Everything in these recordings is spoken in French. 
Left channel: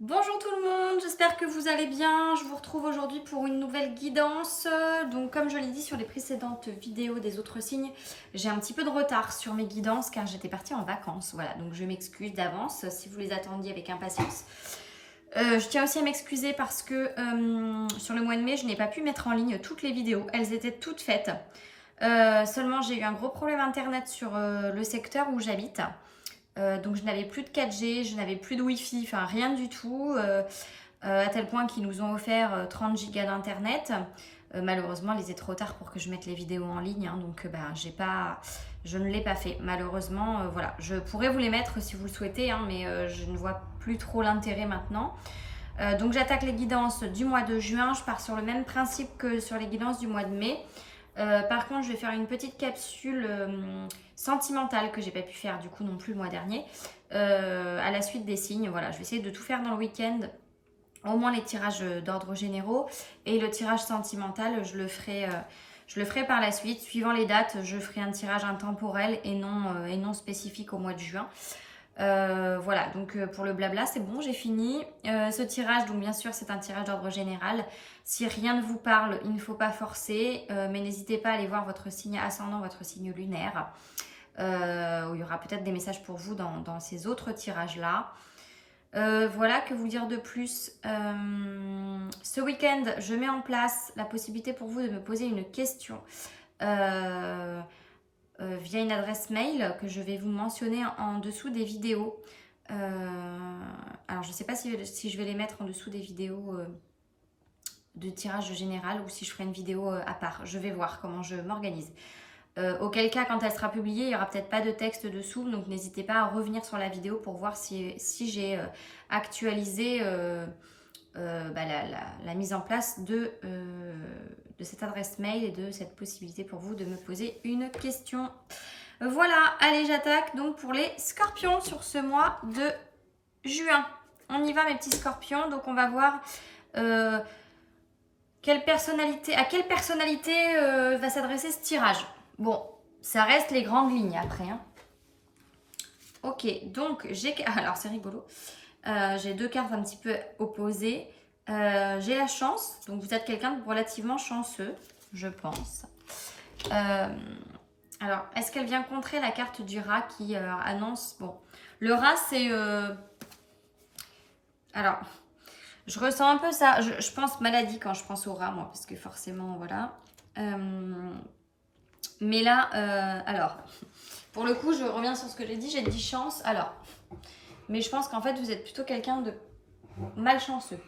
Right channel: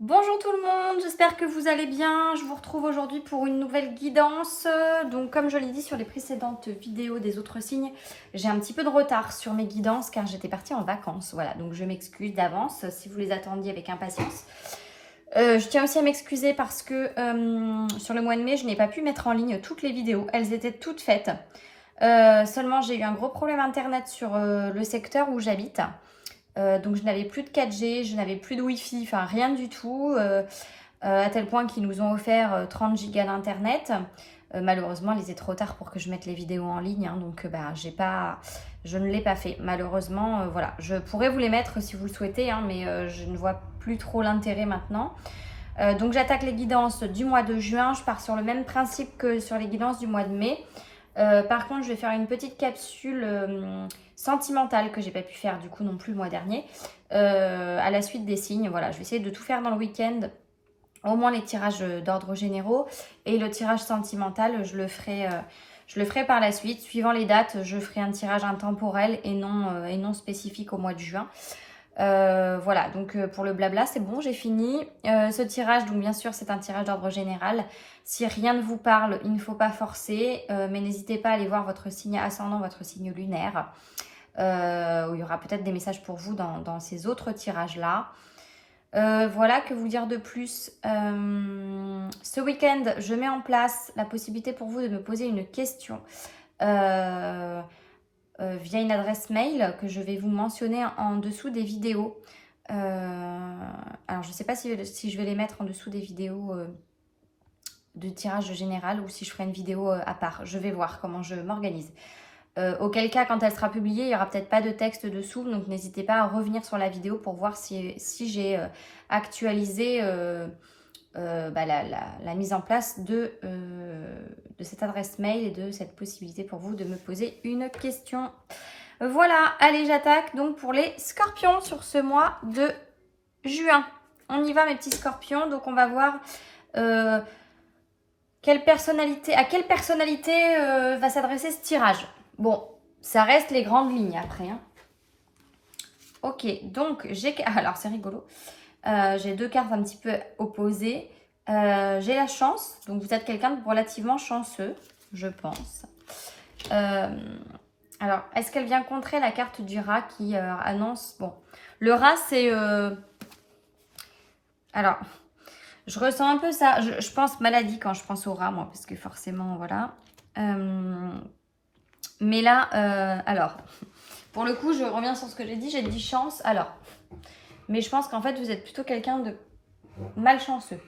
Bonjour tout le monde, j'espère que vous allez bien. Je vous retrouve aujourd'hui pour une nouvelle guidance. Donc comme je l'ai dit sur les précédentes vidéos des autres signes, j'ai un petit peu de retard sur mes guidances car j'étais partie en vacances. Voilà, donc je m'excuse d'avance si vous les attendiez avec impatience. Je tiens aussi à m'excuser parce que sur le mois de mai, je n'ai pas pu mettre en ligne toutes les vidéos. Elles étaient toutes faites. Seulement, j'ai eu un gros problème internet sur le secteur où j'habite. Donc je n'avais plus de 4G, je n'avais plus de Wi-Fi, enfin rien du tout, à tel point qu'ils nous ont offert 30 gigas d'internet. Malheureusement, il était trop tard pour que je mette les vidéos en ligne, hein, donc je ne l'ai pas fait. Malheureusement, voilà, je pourrais vous les mettre si vous le souhaitez, hein, mais je ne vois plus trop l'intérêt maintenant. Donc j'attaque les guidances du mois de juin, je pars sur le même principe que sur les guidances du mois de mai. Par contre, je vais faire une petite capsule sentimentale que j'ai pas pu faire du coup non plus le mois dernier à la suite des signes. Voilà, je vais essayer de tout faire dans le week-end, au moins les tirages d'ordre généraux et le tirage sentimental, je le ferai par la suite. Suivant les dates, je ferai un tirage intemporel et non spécifique au mois de juin. Voilà, donc pour le blabla, c'est bon, j'ai fini. Ce tirage, donc bien sûr, c'est un tirage d'ordre général. Si rien ne vous parle, il ne faut pas forcer, mais n'hésitez pas à aller voir votre signe ascendant, votre signe lunaire, où il y aura peut-être des messages pour vous dans ces autres tirages-là. Voilà, que vous dire de plus. Ce week-end, je mets en place la possibilité pour vous de me poser une question via une adresse mail que je vais vous mentionner en dessous des vidéos. Alors, je ne sais pas si je vais les mettre en dessous des vidéos de tirage général ou si je ferai une vidéo à part. Je vais voir comment je m'organise. Auquel cas, quand elle sera publiée, il n'y aura peut-être pas de texte dessous, donc n'hésitez pas à revenir sur la vidéo pour voir si j'ai actualisé la mise en place de cette adresse mail et de cette possibilité pour vous de me poser une question. Voilà, allez, j'attaque donc pour les scorpions sur ce mois de juin. On y va, mes petits scorpions. Donc, on va voir à quelle personnalité va s'adresser ce tirage. Bon, ça reste les grandes lignes après. Hein. Ok, donc alors, c'est rigolo. J'ai deux cartes un petit peu opposées. J'ai la chance, donc vous êtes quelqu'un de relativement chanceux, je pense. Alors, est-ce qu'elle vient contrer la carte du rat qui annonce... Bon, le rat, c'est... Alors, je ressens un peu ça. Je pense maladie quand je pense au rat, moi, parce que forcément, voilà. Mais là, alors, pour le coup, je reviens sur ce que j'ai dit chance. Alors, mais je pense qu'en fait, vous êtes plutôt quelqu'un de malchanceux.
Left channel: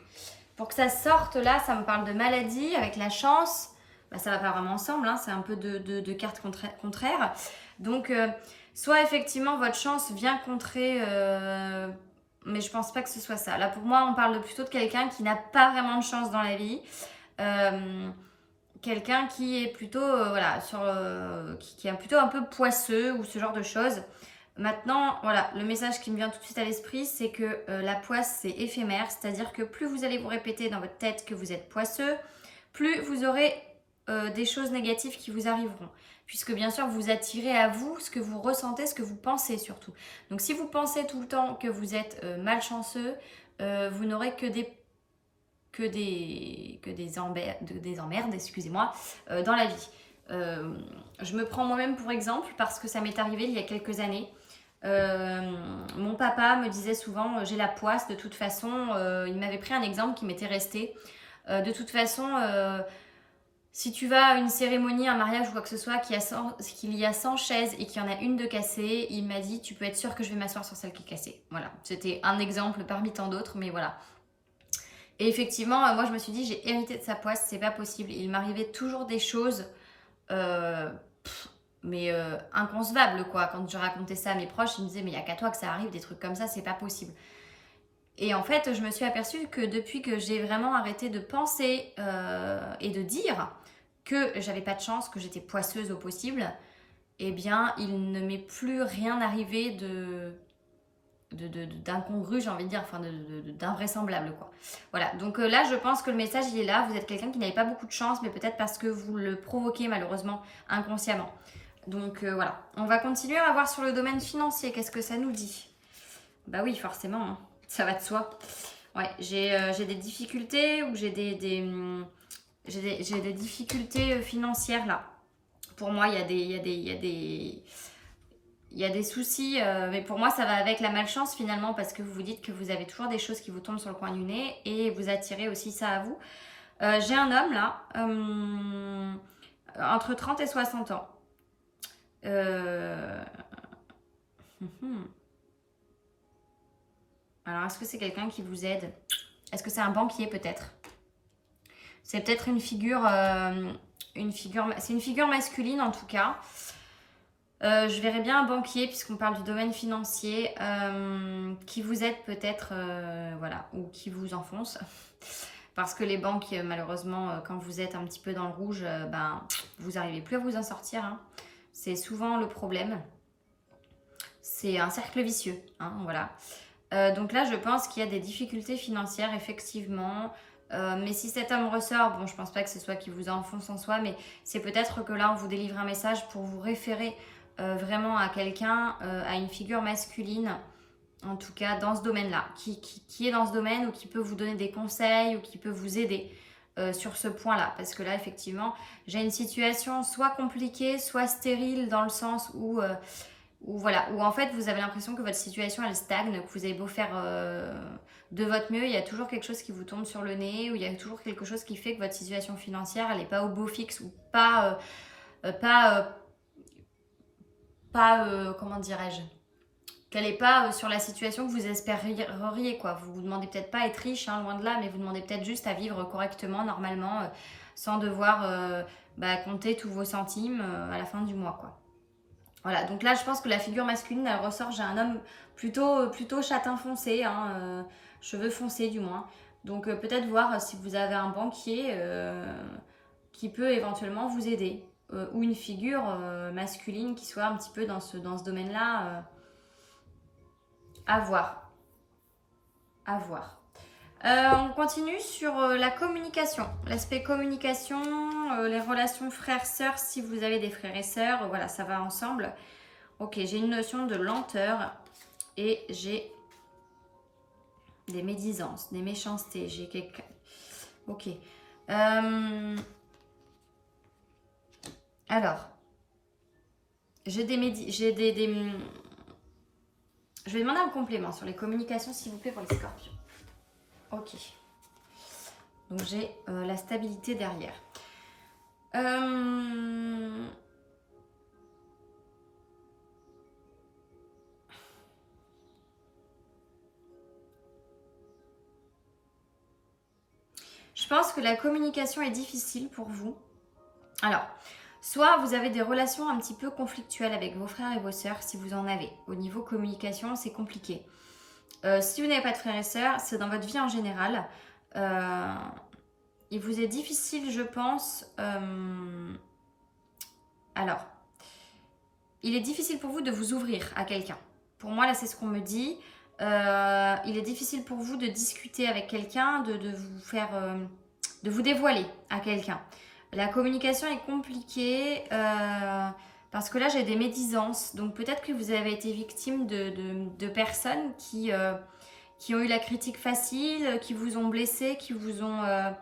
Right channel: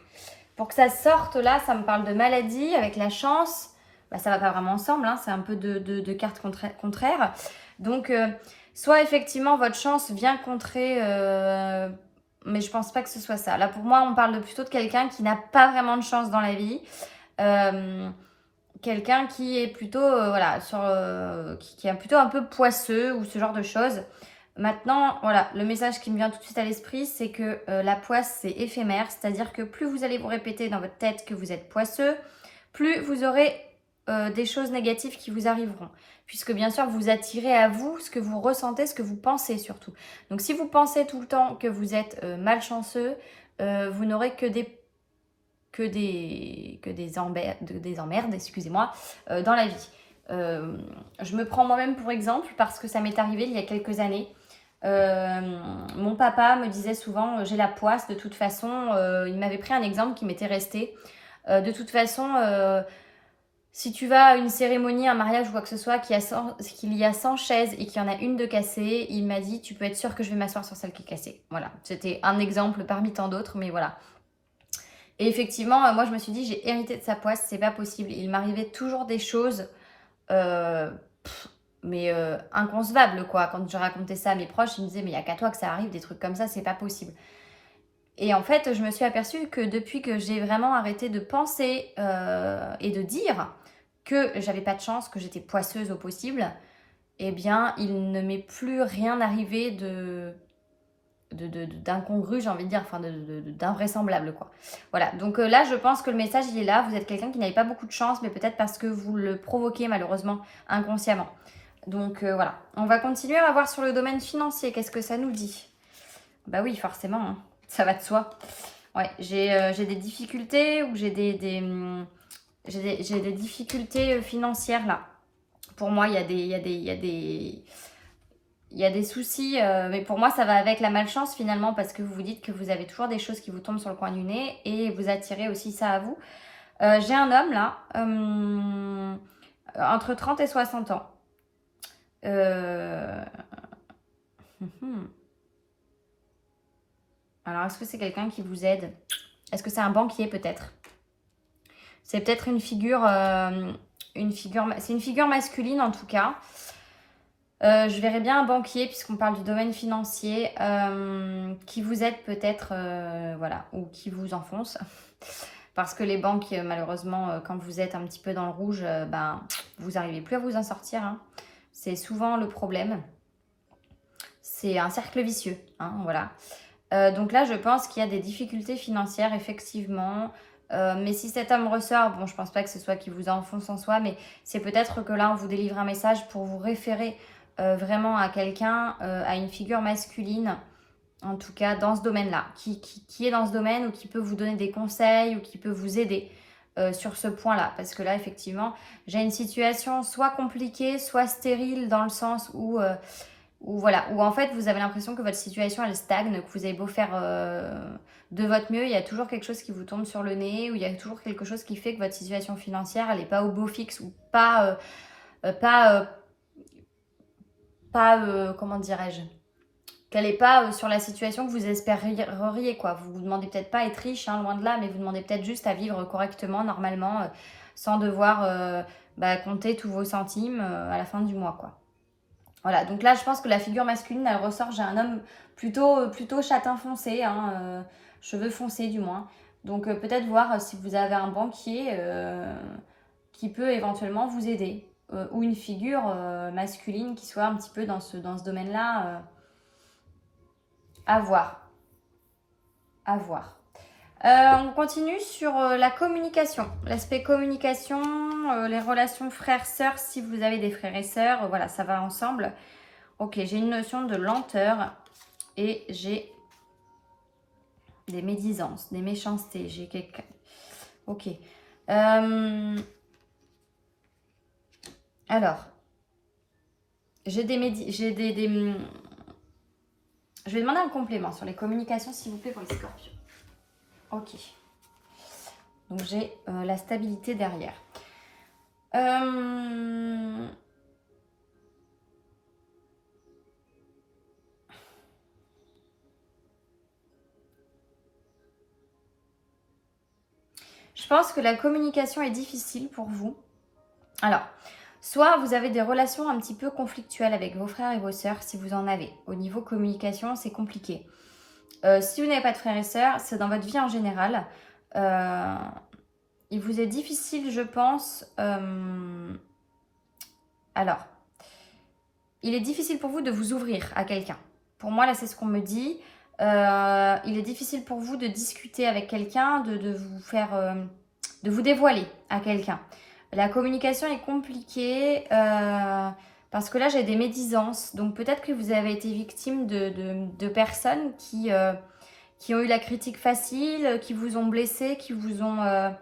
Pour que ça sorte là, ça me parle de maladie avec la chance. Bah, ça va pas vraiment ensemble, hein, c'est un peu de cartes contraires. Donc, soit effectivement, votre chance vient contrer... mais je pense pas que ce soit ça. Là, pour moi, on parle plutôt de quelqu'un qui n'a pas vraiment de chance dans la vie. Quelqu'un qui est plutôt, qui est plutôt un peu poisseux ou ce genre de choses. Maintenant, voilà, le message qui me vient tout de suite à l'esprit, c'est que la poisse, c'est éphémère. C'est-à-dire que plus vous allez vous répéter dans votre tête que vous êtes poisseux, plus vous aurez des choses négatives qui vous arriveront. Puisque bien sûr, vous attirez à vous ce que vous ressentez, ce que vous pensez surtout. Donc si vous pensez tout le temps que vous êtes malchanceux, vous n'aurez que des emmerdes, excusez-moi, dans la vie. Je me prends moi-même pour exemple parce que ça m'est arrivé il y a quelques années. Mon papa me disait souvent j'ai la poisse de toute façon. Il m'avait pris un exemple qui m'était resté. De toute façon, si tu vas à une cérémonie, un mariage ou quoi que ce soit, qu'il y a 100 chaises et qu'il y en a une de cassée, il m'a dit tu peux être sûr que je vais m'asseoir sur celle qui est cassée. Voilà, c'était un exemple parmi tant d'autres, mais voilà. Et effectivement, moi je me suis dit j'ai hérité de sa poisse, c'est pas possible. Il m'arrivait toujours des choses inconcevables quoi. Quand je racontais ça à mes proches, ils me disaient mais il n'y a qu'à toi que ça arrive, des trucs comme ça, c'est pas possible. Et en fait, je me suis aperçue que depuis que j'ai vraiment arrêté de penser et de dire que j'avais pas de chance, que j'étais poisseuse au possible, eh bien, il ne m'est plus rien arrivé d'incongru, j'ai envie de dire, enfin d'invraisemblable quoi. Voilà, donc là je pense que le message il est là, vous êtes quelqu'un qui n'avait pas beaucoup de chance, mais peut-être parce que vous le provoquez malheureusement inconsciemment. Donc voilà, on va continuer à voir sur le domaine financier, qu'est-ce que ça nous dit? Bah oui, forcément, hein. Ça va de soi. Ouais, j'ai des difficultés ou j'ai des difficultés financières là. Pour moi, il y a des soucis, mais pour moi, ça va avec la malchance finalement parce que vous vous dites que vous avez toujours des choses qui vous tombent sur le coin du nez et vous attirez aussi ça à vous. J'ai un homme là, entre 30 et 60 ans. Euh, Alors, est-ce que c'est quelqu'un qui vous aide? Est-ce que c'est un banquier peut-être? C'est peut-être c'est une figure masculine en tout cas. Je verrais bien un banquier, puisqu'on parle du domaine financier, qui vous aide peut-être, voilà, ou qui vous enfonce. Parce que les banques, malheureusement, quand vous êtes un petit peu dans le rouge, ben, vous n'arrivez plus à vous en sortir. Hein. C'est souvent le problème. C'est un cercle vicieux, hein, voilà. Donc là, je pense qu'il y a des difficultés financières, effectivement. Mais si cet homme ressort, bon, je pense pas que ce soit qui vous enfonce en soi, mais c'est peut-être que là, on vous délivre un message pour vous référer vraiment à quelqu'un, à une figure masculine, en tout cas dans ce domaine-là, qui est dans ce domaine ou qui peut vous donner des conseils ou qui peut vous aider sur ce point-là. Parce que là, effectivement, j'ai une situation soit compliquée, soit stérile dans le sens où voilà, où en fait vous avez l'impression que votre situation elle stagne, que vous avez beau faire de votre mieux, il y a toujours quelque chose qui vous tombe sur le nez, ou il y a toujours quelque chose qui fait que votre situation financière elle n'est pas au beau fixe ou comment dirais-je, qu'elle n'est pas sur la situation que vous espériez quoi. Vous vous demandez peut-être pas être riche, hein, loin de là, mais vous demandez peut-être juste à vivre correctement, normalement, sans devoir compter tous vos centimes à la fin du mois quoi. Voilà, donc là, je pense que la figure masculine, elle ressort. J'ai un homme plutôt châtain foncé, hein, cheveux foncés du moins. Donc peut-être voir si vous avez un banquier qui peut éventuellement vous aider. Ou une figure masculine qui soit un petit peu dans ce domaine-là. À voir. À voir. On continue sur la communication. L'aspect communication, les relations frères-sœurs, si vous avez des frères et sœurs, voilà, ça va ensemble. Ok, j'ai une notion de lenteur et j'ai des médisances, des méchancetés. J'ai quelqu'un. Ok. Alors, j'ai des. Je vais demander un complément sur les communications, s'il vous plaît, pour les scorpions. Ok. Donc, j'ai la stabilité derrière. Je pense que la communication est difficile pour vous. Alors, soit vous avez des relations un petit peu conflictuelles avec vos frères et vos sœurs, si vous en avez. Au niveau communication, c'est compliqué. Si vous n'avez pas de frères et sœurs, c'est dans votre vie en général. Il vous est difficile, je pense. Alors, il est difficile pour vous de vous ouvrir à quelqu'un. Pour moi, là, c'est ce qu'on me dit. Il est difficile pour vous de discuter avec quelqu'un, de vous faire, de vous dévoiler à quelqu'un. La communication est compliquée parce que là, j'ai des médisances. Donc, peut-être que vous avez été victime de personnes qui ont eu la critique facile, qui vous ont blessé, qui vous ont un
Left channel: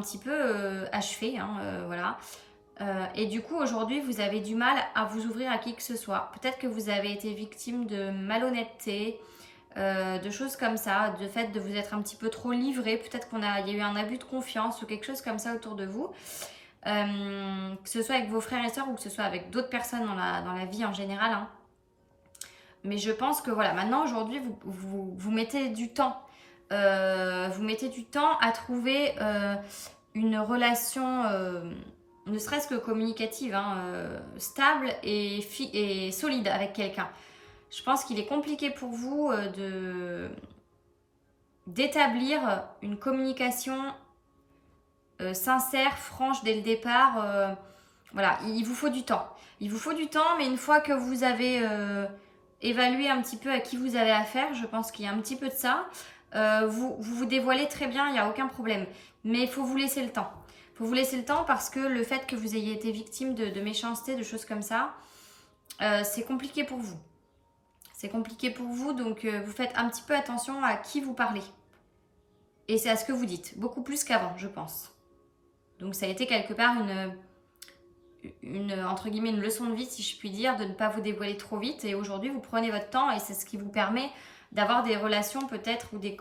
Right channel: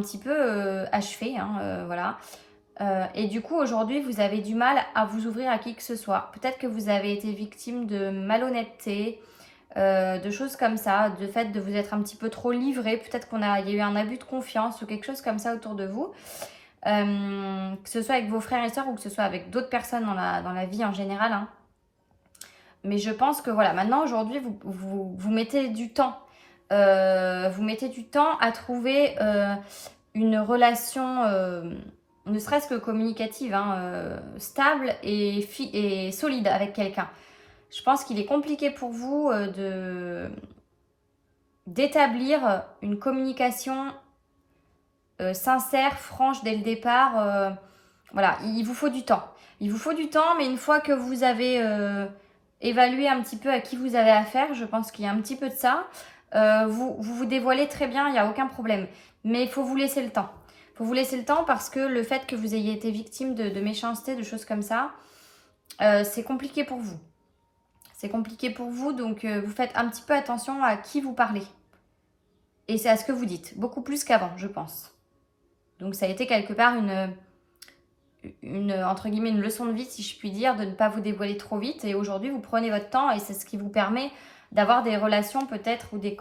petit peu achevé. Hein, voilà. Et du coup, aujourd'hui, vous avez du mal à vous ouvrir à qui que ce soit. Peut-être que vous avez été victime de malhonnêteté, de choses comme ça, de fait de vous être un petit peu trop livré. Peut-être qu'il y a eu un abus de confiance ou quelque chose comme ça autour de vous. Que ce soit avec vos frères et sœurs ou que ce soit avec d'autres personnes dans la vie en général. Hein. Mais je pense que voilà, maintenant, aujourd'hui, vous mettez du temps. Vous mettez du temps à trouver une relation, ne serait-ce que communicative, hein, stable et solide avec quelqu'un. Je pense qu'il est compliqué pour vous d'établir une communication sincère, franche dès le départ. Voilà, il vous faut du temps. Il vous faut du temps, mais une fois que vous avez évalué un petit peu à qui vous avez affaire, je pense qu'il y a un petit peu de ça, vous dévoilez très bien, il n'y a aucun problème. Mais il faut vous laisser le temps. Il faut vous laisser le temps parce que le fait que vous ayez été victime de méchanceté, de choses comme ça, c'est compliqué pour vous. C'est compliqué pour vous, donc vous faites un petit peu attention à qui vous parlez. Et c'est à ce que vous dites, beaucoup plus qu'avant, je pense. Donc ça a été quelque part entre guillemets, une leçon de vie, si je puis dire, de ne pas vous dévoiler trop vite. Et aujourd'hui, vous prenez votre temps et c'est ce qui vous permet d'avoir des relations peut-être ou des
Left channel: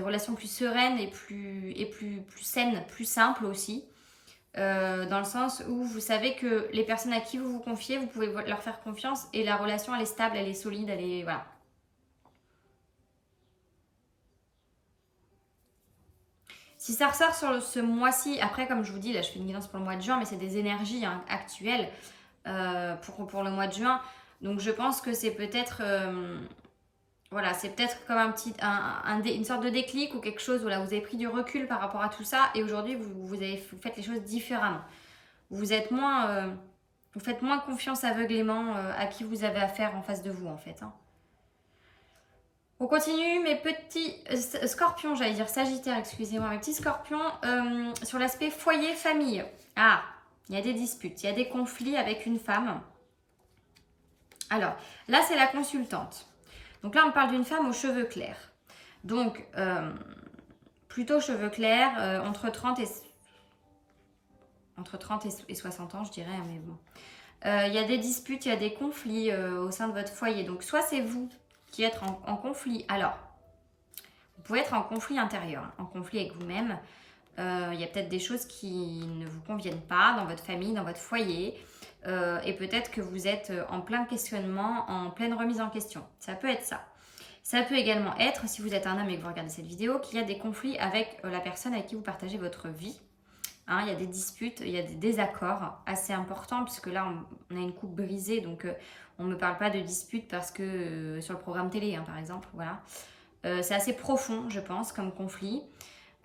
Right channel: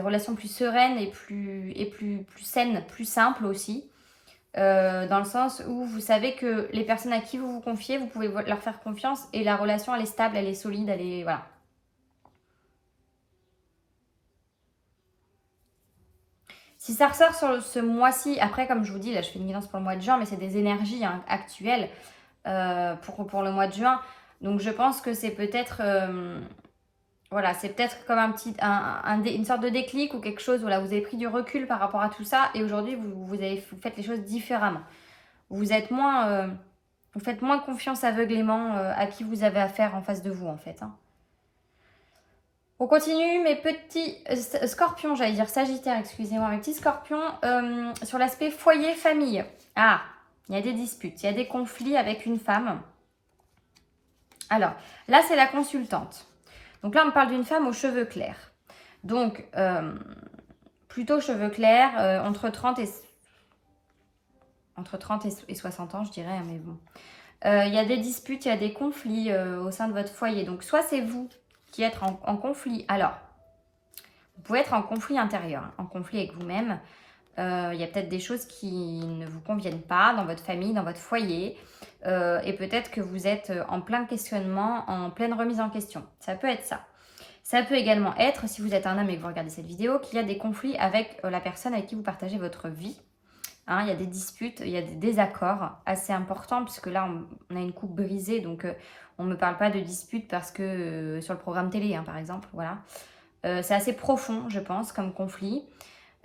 relations plus sereines et plus saines, plus simples aussi. Dans le sens où vous savez que les personnes à qui vous vous confiez, vous pouvez leur faire confiance et la relation, elle est stable, elle est solide, elle est... Voilà. Si ça ressort sur ce mois-ci, après comme je vous dis, là je fais une guidance pour le mois de juin, mais c'est des énergies actuelles pour le mois de juin. Donc je pense que c'est peut-être voilà, c'est peut-être comme une sorte de déclic ou quelque chose, voilà, vous avez pris du recul par rapport à tout ça et aujourd'hui vous faites les choses différemment. Vous êtes moins, vous faites moins confiance aveuglément à qui vous avez affaire en face de vous en fait. Hein. On continue, mes petits scorpions, j'allais dire sagittaire, excusez-moi, mes petits scorpions, sur l'aspect foyer-famille. Ah, il y a des disputes, il y a des conflits avec une femme. Alors, là, c'est la consultante. Donc là, on parle d'une femme aux cheveux clairs. Donc, plutôt cheveux clairs, entre 30 et 60 ans, je dirais, hein, mais bon. Il y a des disputes, il y a des conflits au sein de votre foyer. Donc, soit c'est vous qui êtes en conflit. Alors, vous pouvez être en conflit intérieur, hein, en conflit avec vous-même. Il y a peut-être des choses qui ne vous conviennent pas dans votre famille, dans votre foyer. Et peut-être que vous êtes en plein questionnement, en pleine remise en question. Ça peut être ça. Ça peut également être, si vous êtes un homme et que vous regardez cette vidéo, qu'il y a des conflits avec la personne avec qui vous partagez votre vie. Hein, il y a des disputes, il y a des désaccords assez importants, puisque là, on a une coupe brisée, donc on ne me parle pas de disputes parce que sur le programme télé, hein, par exemple, voilà. C'est assez profond, je pense, comme conflit.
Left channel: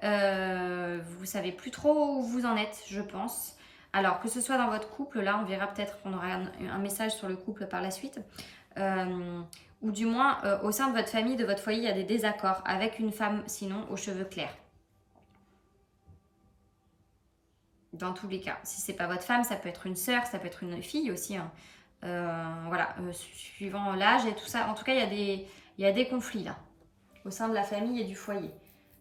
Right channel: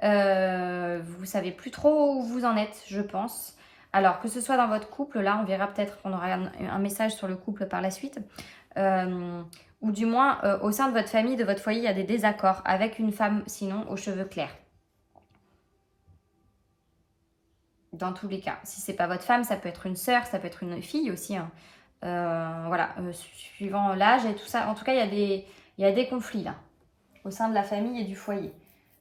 Vous savez plus trop où vous en êtes, je pense. Alors, que ce soit dans votre couple, là, on verra peut-être qu'on aura un message sur le couple par la suite. Ou du moins, au sein de votre famille, de votre foyer, il y a des désaccords avec une femme, sinon, aux cheveux clairs. Dans tous les cas. Si c'est pas votre femme, ça peut être une sœur, ça peut être une fille aussi. Hein. Voilà, suivant l'âge et tout ça. En tout cas, il y a des conflits là, au sein de la famille et du foyer.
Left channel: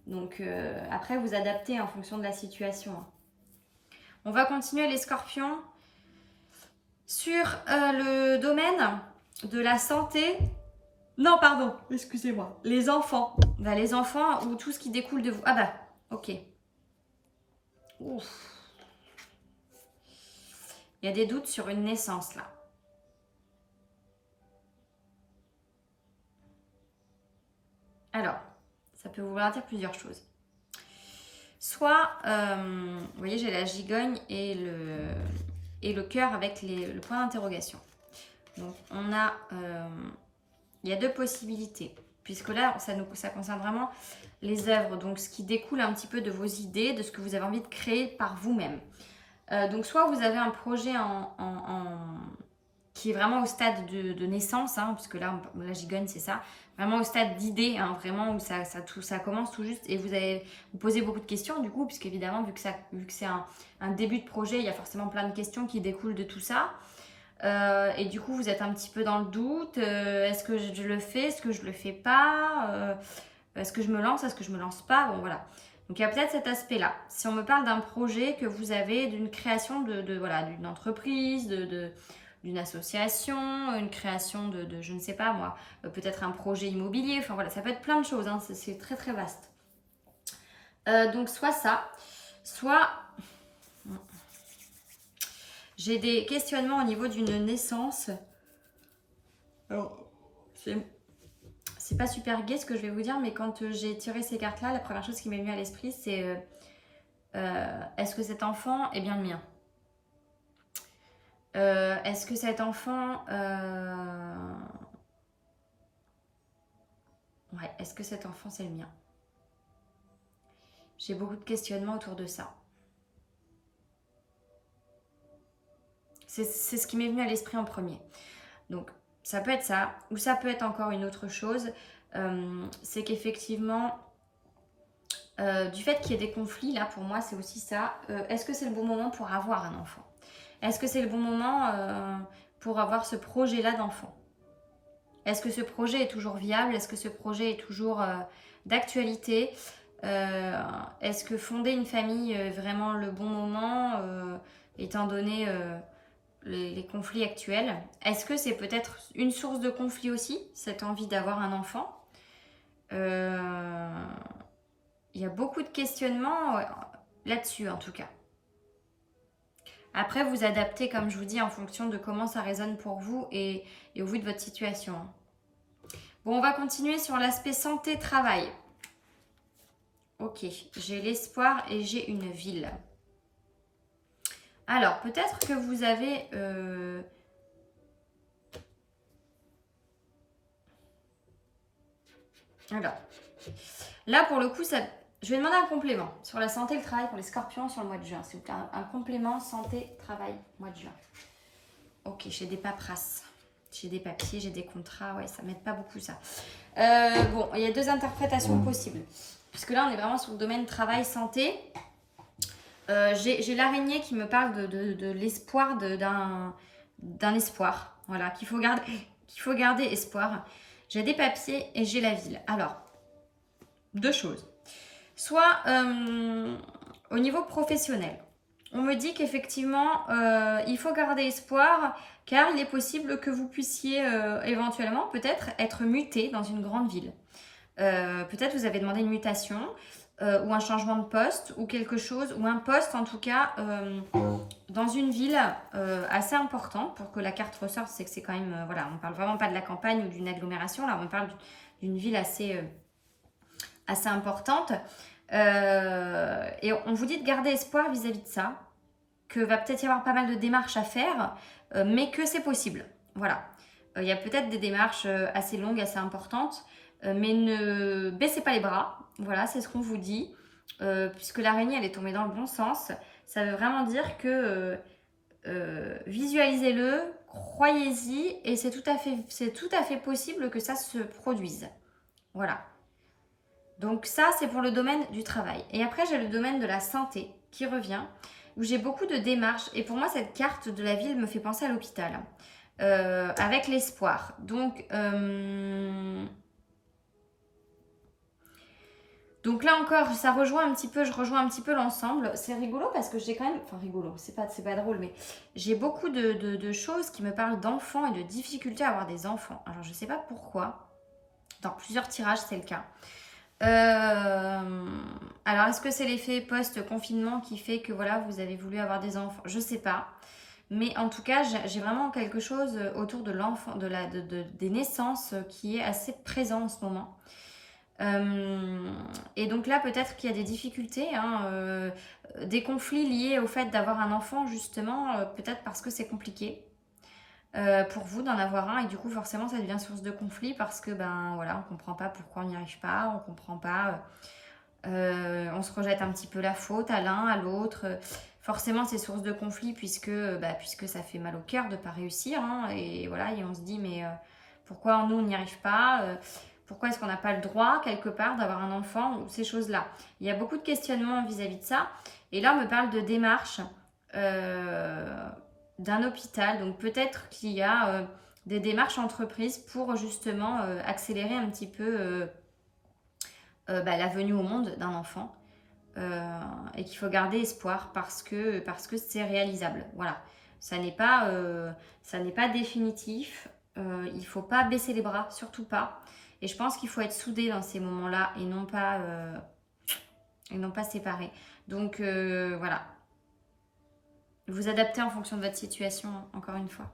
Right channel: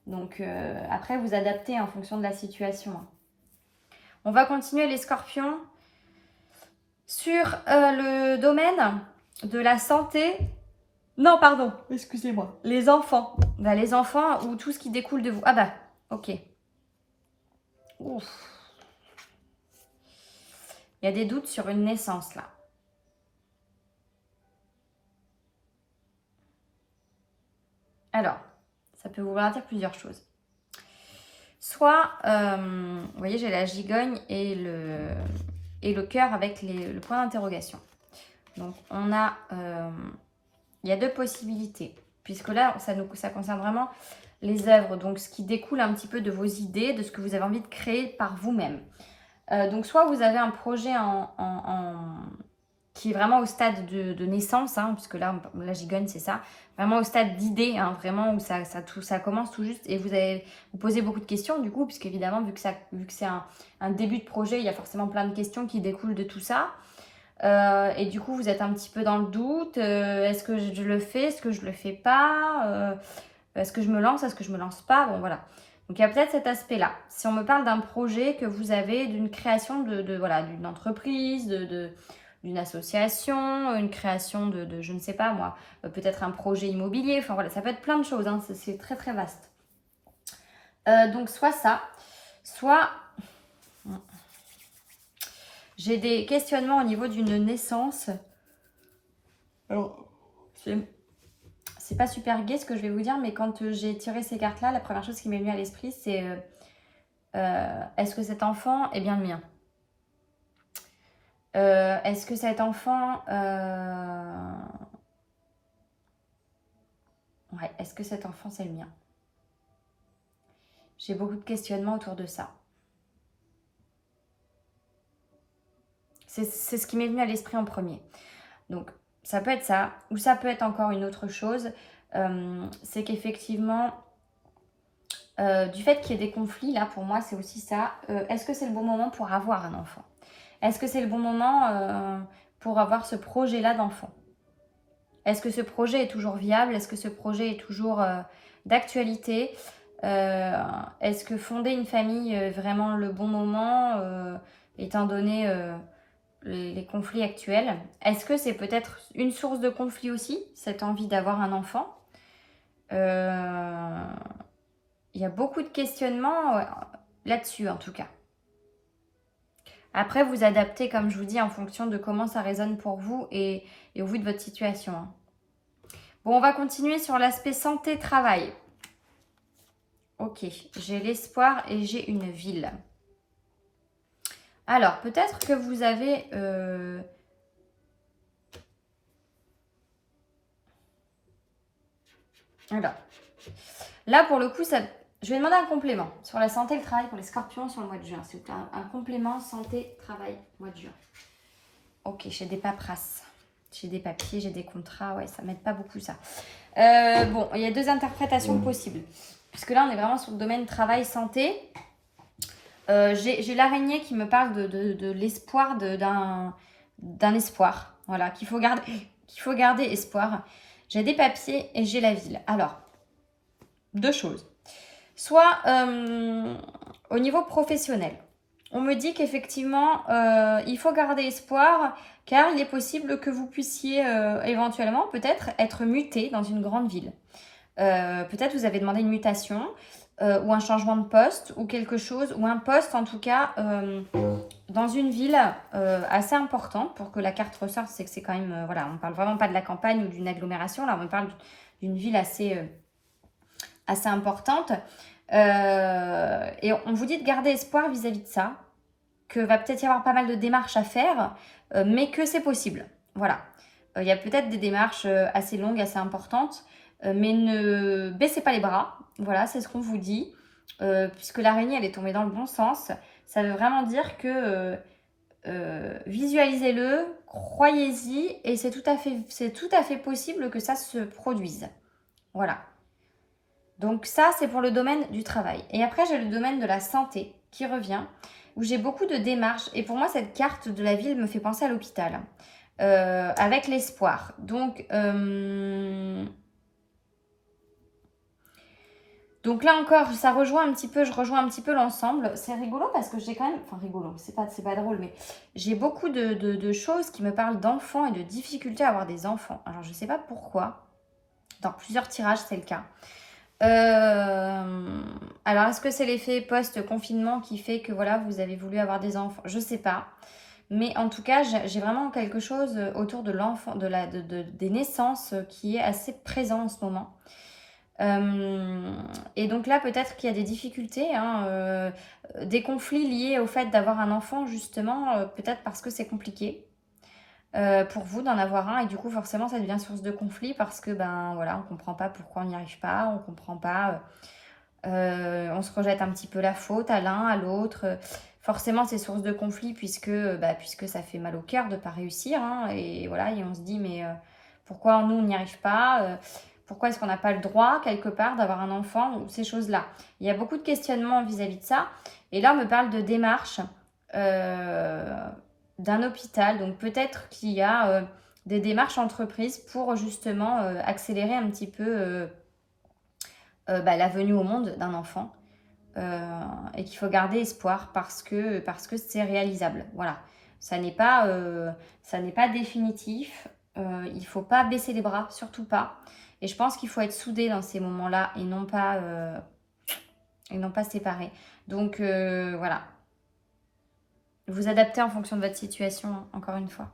Donc après, vous adaptez en fonction de la situation. Hein. On va continuer les scorpions sur le domaine de la santé. Non, pardon, excusez-moi. Les enfants. Bah, les enfants ou tout ce qui découle de vous. Ah bah, ok. Ouf. Il y a des doutes sur une naissance là. Alors, ça peut vouloir dire plusieurs choses. Soit, vous voyez, j'ai la gigogne et le cœur avec le point d'interrogation. Donc, on a, il y a deux possibilités. Puisque là, ça concerne vraiment les œuvres. Donc, ce qui découle un petit peu de vos idées, de ce que vous avez envie de créer par vous-même. Donc, soit vous avez un projet qui est vraiment au stade de naissance, hein, puisque là, la gigogne, c'est ça. Vraiment au stade d'idée, hein, vraiment où ça commence tout juste. Et vous posez beaucoup de questions, du coup, puisque évidemment, vu que c'est un début de projet, il y a forcément plein de questions qui découlent de tout ça. Et du coup, vous êtes un petit peu dans le doute. Est-ce que je le fais? Est-ce que je le fais pas? Est-ce que je me lance? Est-ce que je me lance pas? Bon, voilà. Donc, il y a peut-être cet aspect-là. Si on me parle d'un projet que vous avez, d'une création voilà, d'une entreprise, d'une association, une création de je ne sais pas moi, peut-être un projet immobilier, enfin voilà, ça peut être plein de choses, hein, c'est très très vaste. Donc soit ça, soit j'ai des questionnements au niveau d'une naissance. Alors, c'est pas super gai ce que je vais vous dire, mais quand j'ai tiré ces cartes-là, la première chose qui m'est venue à l'esprit, c'est est-ce que cet enfant est bien le mien? Est-ce que cet enfant... Ouais, est-ce que cet enfant, c'est le mien? J'ai beaucoup de questionnements autour de ça. C'est ce qui m'est venu à l'esprit en premier. Donc, ça peut être ça, ou ça peut être encore une autre chose. C'est qu'effectivement, du fait qu'il y ait des conflits, là, pour moi, c'est aussi ça. Est-ce que c'est le bon moment pour avoir un enfant? Est-ce que c'est le bon moment pour avoir ce projet-là d'enfant? Est-ce que ce projet est toujours viable? Est-ce que ce projet est toujours d'actualité. Est-ce que fonder une famille est vraiment le bon moment, étant donné les conflits actuels? Est-ce que c'est peut-être une source de conflit aussi, cette envie d'avoir un enfant? Il y a beaucoup de questionnements là-dessus en tout cas. Après, vous adaptez, comme je vous dis, en fonction de comment ça résonne pour vous et au vu de votre situation. Hein. Bon, on va continuer sur l'aspect santé-travail. Ok, j'ai l'espoir et j'ai une ville. Alors, peut-être que vous avez... Alors, là, pour le coup, ça... je vais demander un complément sur la santé et le travail pour les scorpions sur le mois de juin. S'il vous plaît, un complément santé-travail, mois de juin. Ok, j'ai des paperasses. J'ai des papiers, j'ai des contrats. Ouais, ça m'aide pas beaucoup, ça. Bon, il y a deux interprétations possibles. Puisque là, on est vraiment sur le domaine travail-santé. J'ai l'araignée qui me parle de l'espoir d'un espoir. Voilà, qu'il faut garder espoir. J'ai des papiers et j'ai la ville. Alors, deux choses. Soit au niveau professionnel, on me dit qu'effectivement, il faut garder espoir car il est possible que vous puissiez éventuellement peut-être être muté dans une grande ville. Peut-être vous avez demandé une mutation ou un changement de poste ou quelque chose, ou un poste en tout cas dans une ville assez importante pour que la carte ressorte. C'est que c'est quand même, voilà, on ne parle vraiment pas de la campagne ou d'une agglomération, là on parle d'une ville assez importante. Et on vous dit de garder espoir vis-à-vis de ça, que va peut-être y avoir pas mal de démarches à faire, mais que c'est possible. Voilà. Il y a peut-être des démarches assez longues, assez importantes, mais ne baissez pas les bras. Voilà, c'est ce qu'on vous dit. Puisque l'araignée, elle est tombée dans le bon sens. Ça veut vraiment dire que visualisez-le, croyez-y, et c'est tout à fait possible que ça se produise. Voilà. Donc ça, c'est pour le domaine du travail. Et après, j'ai le domaine de la santé qui revient, où j'ai beaucoup de démarches. Et pour moi, cette carte de la ville me fait penser à l'hôpital, avec l'espoir. Donc là encore, ça rejoint un petit peu, je rejoins un petit peu l'ensemble. C'est rigolo parce que j'ai quand même, enfin rigolo, c'est pas drôle, mais j'ai beaucoup de choses qui me parlent d'enfants et de difficultés à avoir des enfants. Alors je sais pas pourquoi. Dans plusieurs tirages, c'est le cas. Alors, est-ce que c'est l'effet post-confinement qui fait que voilà, vous avez voulu avoir des enfants? Je sais pas. Mais en tout cas, j'ai vraiment quelque chose autour de l'enfant, des naissances qui est assez présent en ce moment. Et donc là, peut-être qu'il y a des difficultés, hein, des conflits liés au fait d'avoir un enfant, justement, peut-être parce que c'est compliqué. Pour vous d'en avoir un et du coup forcément ça devient source de conflit parce que ben voilà on comprend pas pourquoi on n'y arrive pas, on comprend pas, on se rejette un petit peu la faute à l'un, à l'autre. Forcément c'est source de conflit puisque ça fait mal au cœur de pas réussir hein, et voilà et on se dit mais pourquoi nous on n'y arrive pas, pourquoi est-ce qu'on n'a pas le droit quelque part d'avoir un enfant ou ces choses là. Il y a beaucoup de questionnements vis-à-vis de ça et là on me parle de démarche d'un hôpital. Donc peut-être qu'il y a des démarches entreprises pour justement accélérer un petit peu la venue au monde d'un enfant et qu'il faut garder espoir parce que c'est réalisable. Voilà, ça n'est pas définitif. Il ne faut pas baisser les bras, surtout pas. Et je pense qu'il faut être soudé dans ces moments-là et non pas séparés. Donc voilà. Vous adaptez en fonction de votre situation, encore une fois.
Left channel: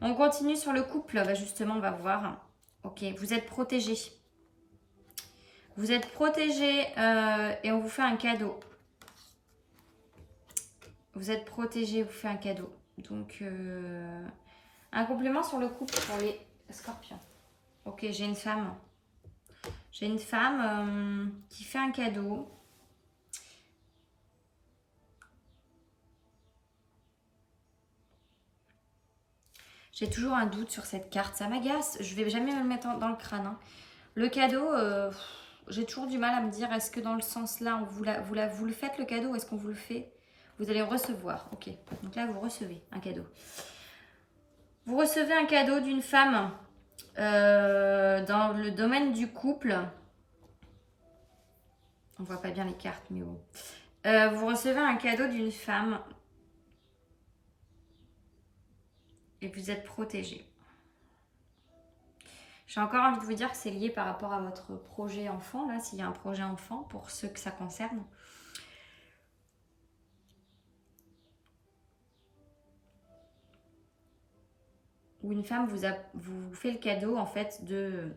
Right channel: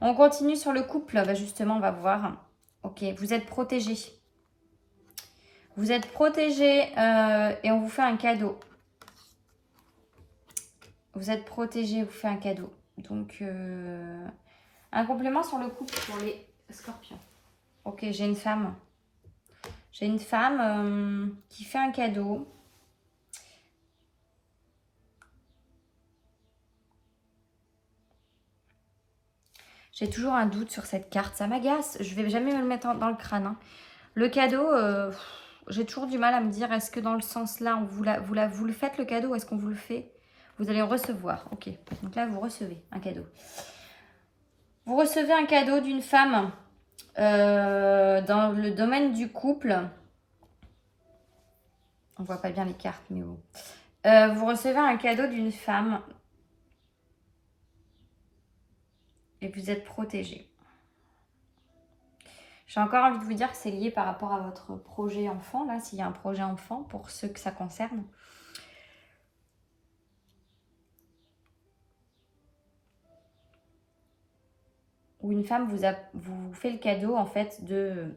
On continue sur le couple. Bah justement, on va voir. Ok, vous êtes protégé. Vous êtes protégé et on vous fait un cadeau. Vous êtes protégé, on vous fait un cadeau. Donc, un complément sur le couple pour les scorpions. Ok, j'ai une femme. J'ai une femme qui fait un cadeau. J'ai toujours un doute sur cette carte, ça m'agace. Je vais jamais me le mettre dans le crâne. Hein. Le cadeau, j'ai toujours du mal à me dire, est-ce que dans le sens là, vous le faites le cadeau, est-ce qu'on vous le fait? Vous allez le recevoir, ok. Donc là, vous recevez un cadeau. Vous recevez un cadeau d'une femme dans le domaine du couple. On voit pas bien les cartes, mais bon. Vous recevez un cadeau d'une femme et vous êtes protégé. J'ai encore envie de vous dire que c'est lié par rapport à votre projet enfant, là, s'il y a un projet enfant, pour ceux que ça concerne. Où une femme vous fait le cadeau, en fait, de...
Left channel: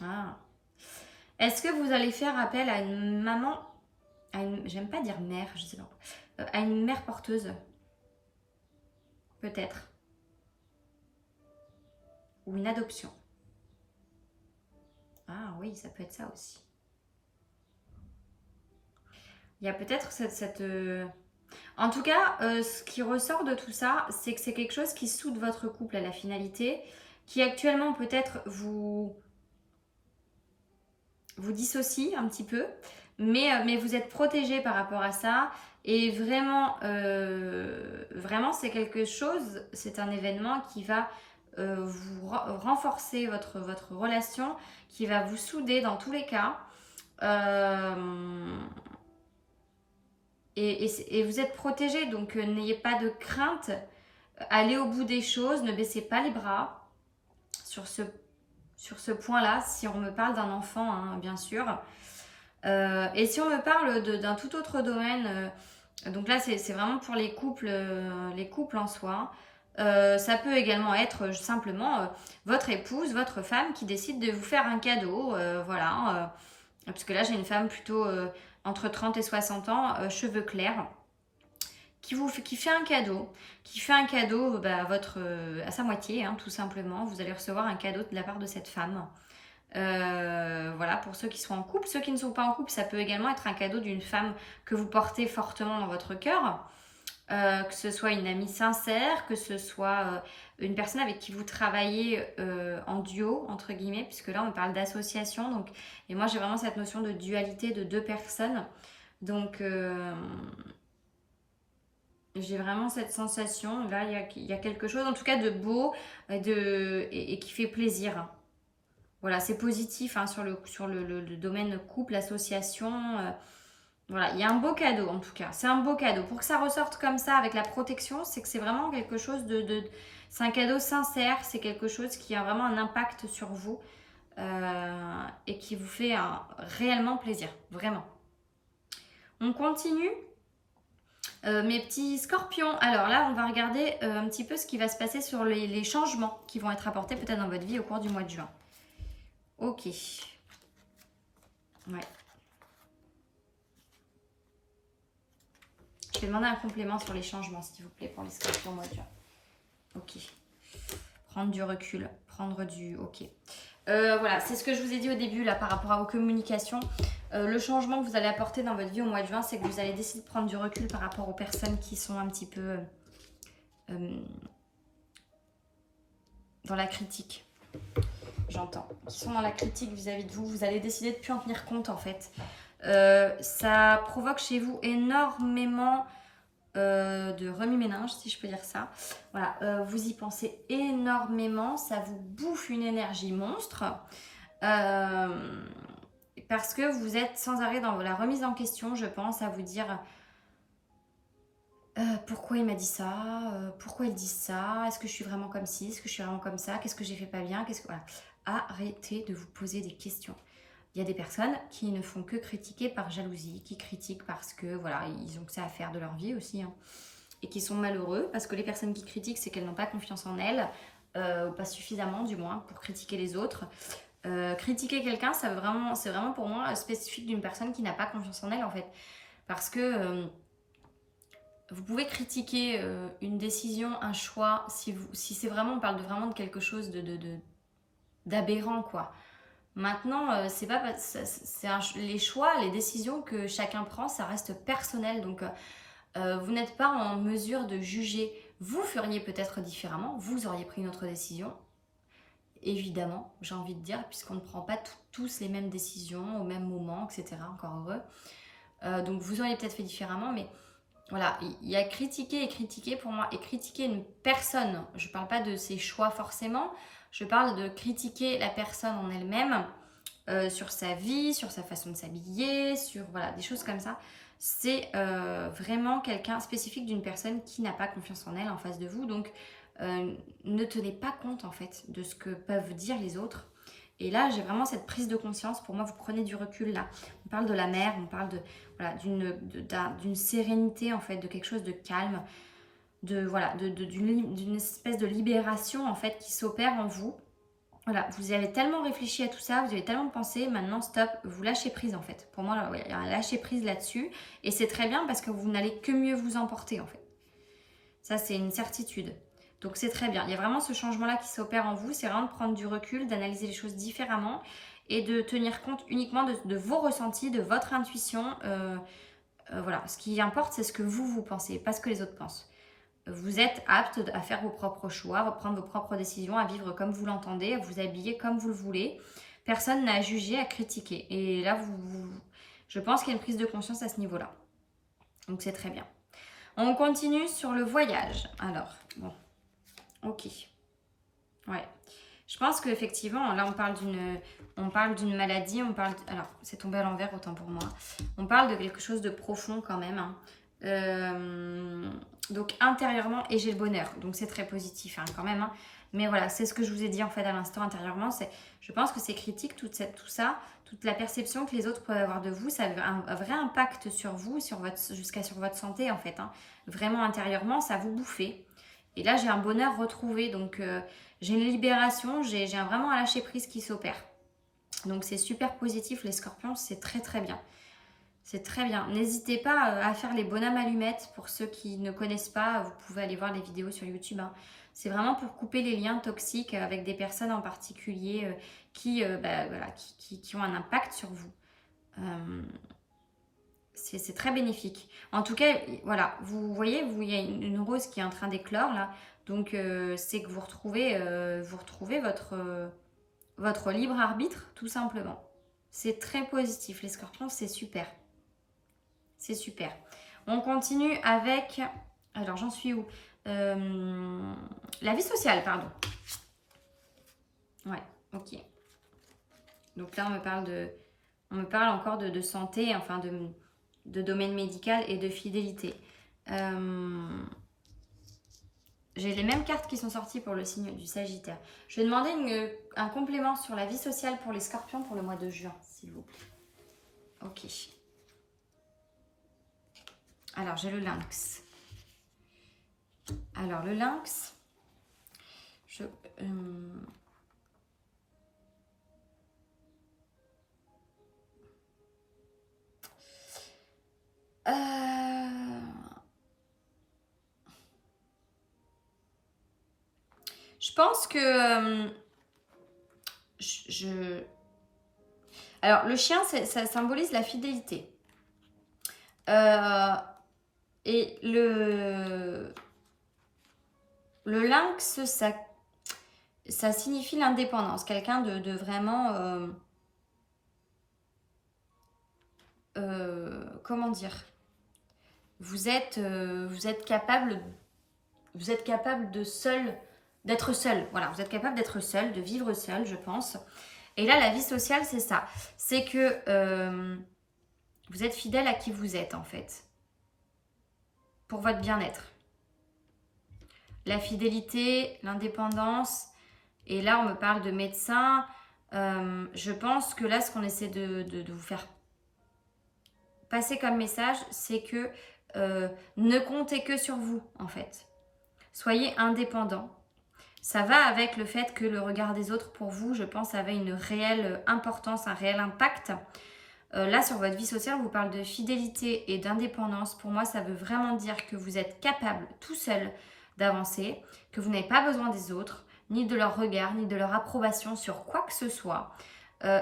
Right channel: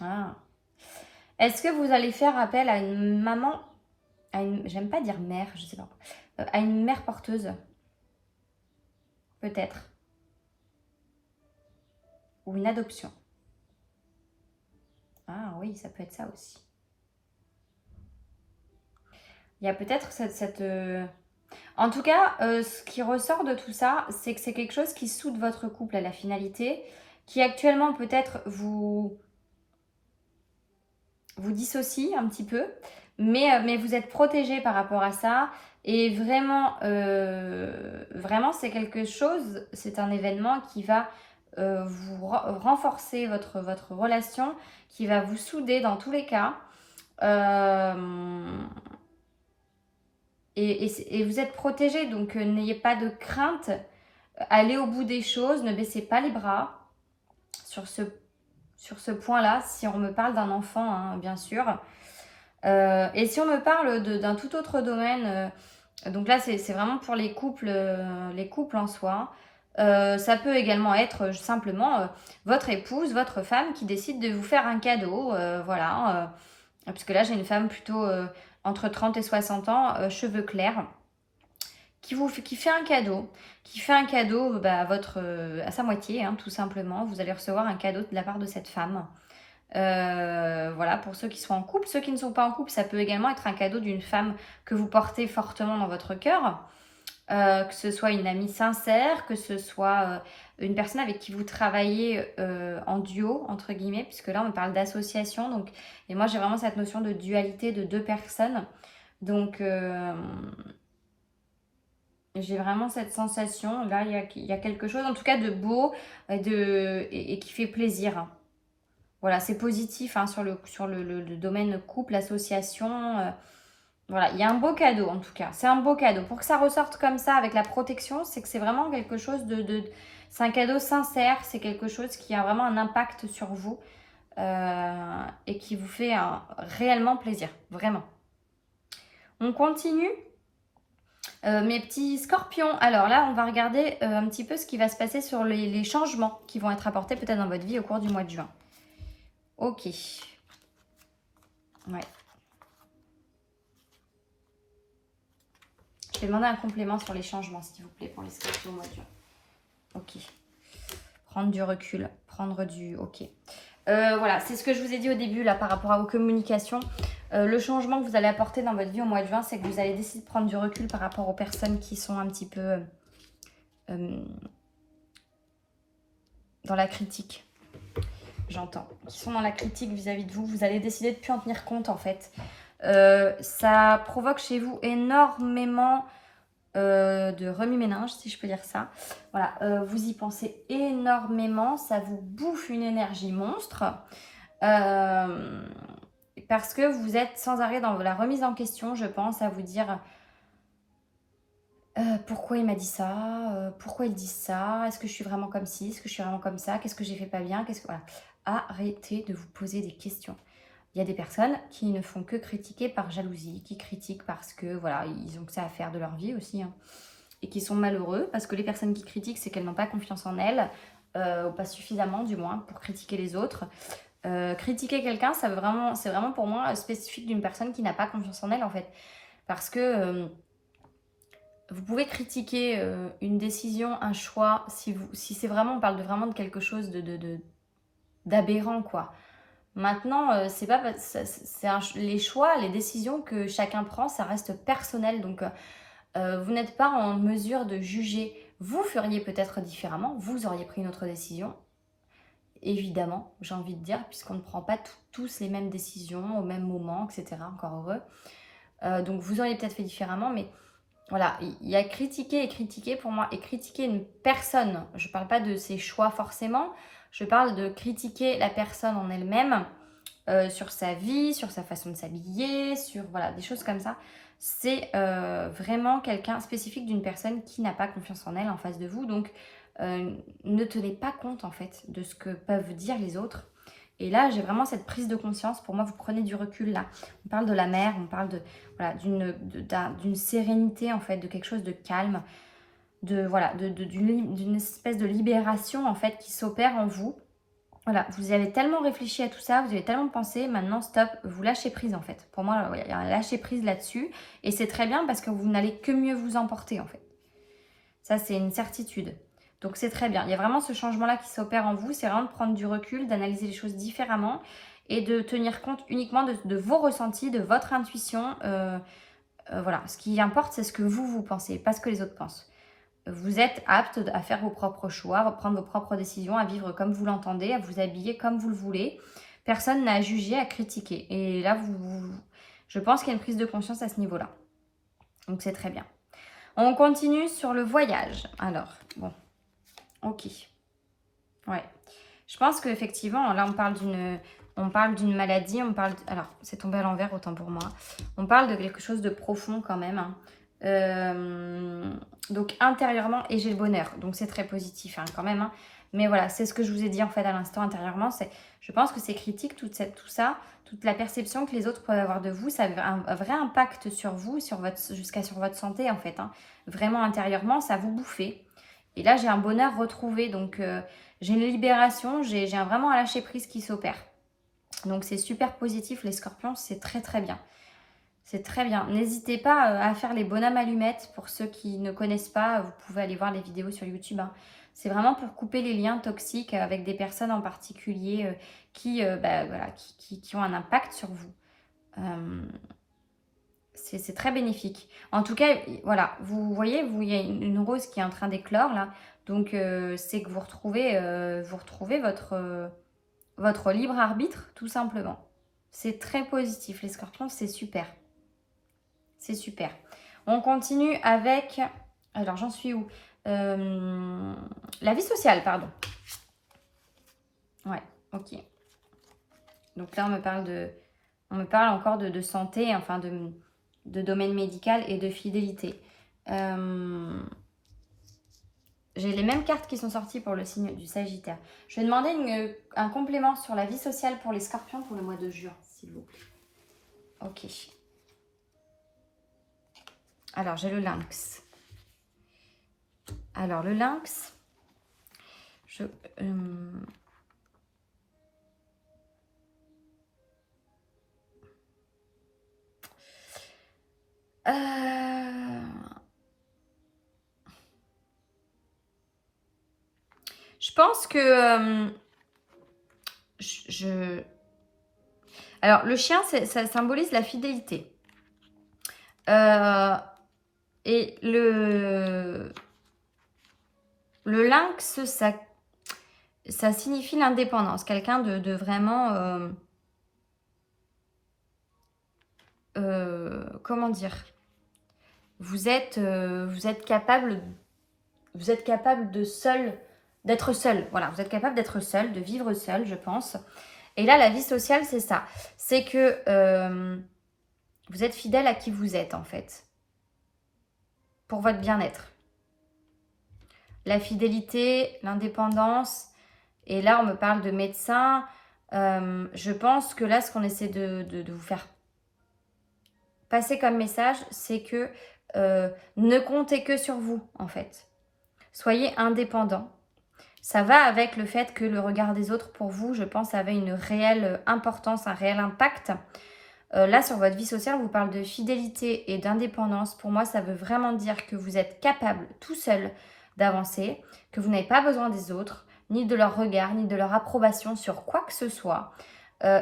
Ah. Est-ce que vous allez faire appel à une maman, j'aime pas dire mère, je sais pas, à une mère porteuse? Peut-être. Ou une adoption. Ah oui, ça peut être ça aussi. Il y a peut-être En tout cas, ce qui ressort de tout ça, c'est que c'est quelque chose qui soude votre couple à la finalité, qui actuellement peut-être vous dissocie un petit peu, mais vous êtes protégé par rapport à ça. Et vraiment, vraiment c'est quelque chose, c'est un événement qui va vous renforcer votre relation, qui va vous souder dans tous les cas. Et vous êtes protégé, donc n'ayez pas de crainte. Allez au bout des choses, ne baissez pas les bras sur ce point-là, si on me parle d'un enfant, hein, bien sûr. Et si on me parle d'un tout autre domaine, donc là c'est vraiment pour les couples en soi. Ça peut également être simplement votre épouse, votre femme qui décide de vous faire un cadeau, voilà. Parce que là j'ai une femme plutôt entre 30 et 60 ans, cheveux clairs, qui fait un cadeau. Qui fait un cadeau à sa moitié, hein, tout simplement. Vous allez recevoir un cadeau de la part de cette femme. Voilà, pour ceux qui sont en couple. Ceux qui ne sont pas en couple, ça peut également être un cadeau d'une femme que vous portez fortement dans votre cœur. Que ce soit une amie sincère, que ce soit une personne avec qui vous travaillez en duo, entre guillemets, puisque là on parle d'association. Donc, et moi j'ai vraiment cette notion de dualité de deux personnes. Donc j'ai vraiment cette sensation, là il y a quelque chose en tout cas de beau et qui fait plaisir. Voilà, c'est positif hein, sur le domaine couple, association. Voilà, il y a un beau cadeau en tout cas. C'est un beau cadeau. Pour que ça ressorte comme ça avec la protection, c'est que c'est vraiment quelque chose c'est un cadeau sincère, c'est quelque chose qui a vraiment un impact sur vous et qui vous fait réellement plaisir, vraiment. On continue. Mes petits scorpions, alors là on va regarder un petit peu ce qui va se passer sur les changements qui vont être apportés peut-être dans votre vie au cours du mois de juin. Ok. Ouais. Je vais demander un complément sur les changements s'il vous plaît pour les scorpions au mois de juin. Ok. Prendre du recul, Ok. Voilà, c'est ce que je vous ai dit au début là par rapport à vos communications. Le changement que vous allez apporter dans votre vie au mois de juin, c'est que vous allez décider de prendre du recul par rapport aux personnes qui sont un petit peu dans la critique. J'entends. Qui sont dans la critique vis-à-vis de vous. Vous allez décider de ne plus en tenir compte en fait. Ça provoque chez vous énormément de remue-ménage, si je peux dire ça. Voilà, vous y pensez énormément. Ça vous bouffe une énergie monstre. Parce que vous êtes sans arrêt dans la remise en question, je pense, à vous dire pourquoi il m'a dit ça, pourquoi il dit ça, est-ce que je suis vraiment comme ci, est-ce que je suis vraiment comme ça, qu'est-ce que j'ai fait pas bien, voilà. Arrêtez de vous poser des questions. Il y a des personnes qui ne font que critiquer par jalousie, qui critiquent parce que voilà, ils ont que ça à faire de leur vie aussi, hein, et qui sont malheureux parce que les personnes qui critiquent, c'est qu'elles n'ont pas confiance en elles, ou pas suffisamment du moins pour critiquer les autres. Critiquer quelqu'un, c'est vraiment pour moi spécifique d'une personne qui n'a pas confiance en elle en fait. Parce que vous pouvez critiquer une décision, un choix, si c'est vraiment, on parle vraiment de quelque chose d'aberrant quoi. Maintenant, c'est pas les choix, les décisions que chacun prend, ça reste personnel. Donc, vous n'êtes pas en mesure de juger. Vous feriez peut-être différemment, vous auriez pris une autre décision. Évidemment, j'ai envie de dire, puisqu'on ne prend pas tous les mêmes décisions au même moment, etc. Encore heureux. Donc, vous auriez peut-être fait différemment, mais voilà, il y a critiquer et critiquer pour moi. Et critiquer une personne, je ne parle pas de ses choix forcément, Je parle de critiquer la personne en elle-même, sur sa vie, sur sa façon de s'habiller, sur voilà, des choses comme ça. C'est vraiment quelqu'un spécifique d'une personne qui n'a pas confiance en elle en face de vous. Donc, ne tenez pas compte en fait de ce que peuvent dire les autres. Et là, j'ai vraiment cette prise de conscience. Pour moi, vous prenez du recul là. On parle de la mer, on parle de, voilà, d'une sérénité en fait, de quelque chose de calme, d'une espèce de libération en fait qui s'opère en vous. Voilà, vous avez tellement réfléchi à tout ça, vous avez tellement pensé, maintenant stop, vous lâchez prise en fait. Pour moi, il y a un lâcher prise là-dessus. Et c'est très bien parce que vous n'allez que mieux vous emporter en fait. Ça, c'est une certitude. Donc c'est très bien. Il y a vraiment ce changement-là qui s'opère en vous. C'est vraiment de prendre du recul, d'analyser les choses différemment et de tenir compte uniquement de vos ressentis, de votre intuition. Voilà, ce qui importe, c'est ce que vous pensez, pas ce que les autres pensent. Vous êtes apte à faire vos propres choix, à prendre vos propres décisions, à vivre comme vous l'entendez, à vous habiller comme vous le voulez. Personne n'a à juger, à critiquer. Et là, je pense qu'il y a une prise de conscience à ce niveau-là. Donc c'est très bien. On continue sur le voyage. Alors, bon, ok. Ouais. Je pense qu'effectivement, là, on parle d'une maladie, alors, c'est tombé à l'envers, autant pour moi. On parle de quelque chose de profond quand même. Hein. Donc, intérieurement, et j'ai le bonheur. Donc, c'est très positif hein, quand même. Hein. Mais voilà, c'est ce que je vous ai dit en fait à l'instant intérieurement. Je pense que c'est critique, tout ça, toute la perception que les autres peuvent avoir de vous. Ça a un vrai impact sur vous, jusqu'à sur votre santé en fait. Hein. Vraiment intérieurement, ça vous bouffe. Et là, j'ai un bonheur retrouvé. Donc, j'ai une libération, j'ai vraiment un lâcher-prise qui s'opère. Donc, c'est super positif, les scorpions, c'est très très bien. C'est très bien. N'hésitez pas à faire les bonhommes allumettes. Pour ceux qui ne connaissent pas, vous pouvez aller voir les vidéos sur YouTube. Hein. C'est vraiment pour couper les liens toxiques avec des personnes en particulier qui ont un impact sur vous. C'est très bénéfique. En tout cas, voilà, vous voyez, il y a une rose qui est en train d'éclore là. Donc, c'est que vous retrouvez votre libre arbitre, tout simplement. C'est très positif, les scorpions, c'est super. C'est super. On continue avec... Alors, j'en suis où la vie sociale, pardon. Ouais, ok. Donc là, on me parle encore de santé, enfin de domaine médical et de fidélité. J'ai les mêmes cartes qui sont sorties pour le signe du Sagittaire. Je vais demander un complément sur la vie sociale pour les scorpions pour le mois de juin, s'il vous plaît. Ok. Alors, j'ai le lynx. Alors, le lynx, je pense que alors, le chien, ça symbolise la fidélité. Et le lynx, ça signifie l'indépendance. Quelqu'un de vraiment... comment dire, vous êtes capable d'être seul. Voilà, vous êtes capable d'être seul, de vivre seul, je pense. Et là, la vie sociale, c'est ça. C'est que vous êtes fidèle à qui vous êtes, en fait. Pour votre bien-être. La fidélité, l'indépendance. Et là, on me parle de médecin. Je pense que là, ce qu'on essaie de vous faire passer comme message, c'est que ne comptez que sur vous, en fait. Soyez indépendant. Ça va avec le fait que le regard des autres, pour vous, je pense, avait une réelle importance, un réel impact. Là, sur votre vie sociale, on vous parle de fidélité et d'indépendance. Pour moi, ça veut vraiment dire que vous êtes capable, tout seul, d'avancer, que vous n'avez pas besoin des autres, ni de leur regard, ni de leur approbation sur quoi que ce soit.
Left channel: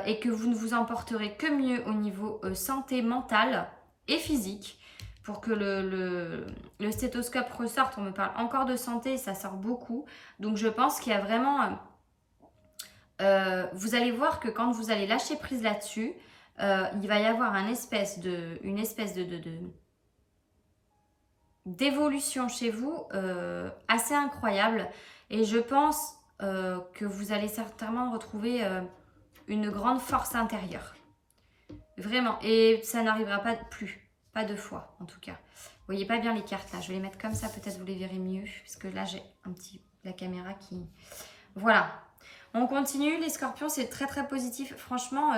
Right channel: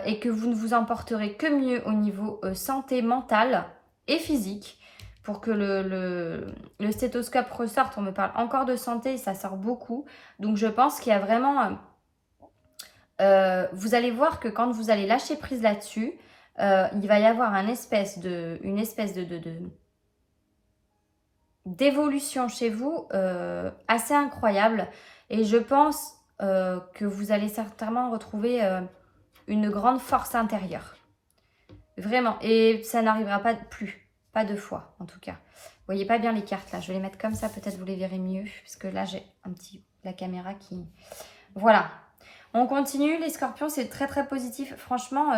Et que vous ne vous emporterez que mieux au niveau santé mentale et physique pour que le stéthoscope ressorte. On me parle encore de santé et ça sort beaucoup. Donc je pense qu'il y a vraiment... vous allez voir que quand vous allez lâcher prise là-dessus, il va y avoir une espèce d'évolution chez vous assez incroyable. Et je pense que vous allez certainement retrouver une grande force intérieure. Vraiment. Et ça n'arrivera pas plus. Pas deux fois, en tout cas. Vous voyez pas bien les cartes, là. Je vais les mettre comme ça. Peut-être vous les verrez mieux. Parce que là, j'ai la caméra qui... Voilà. On continue. Les scorpions, c'est très, très positif. Franchement,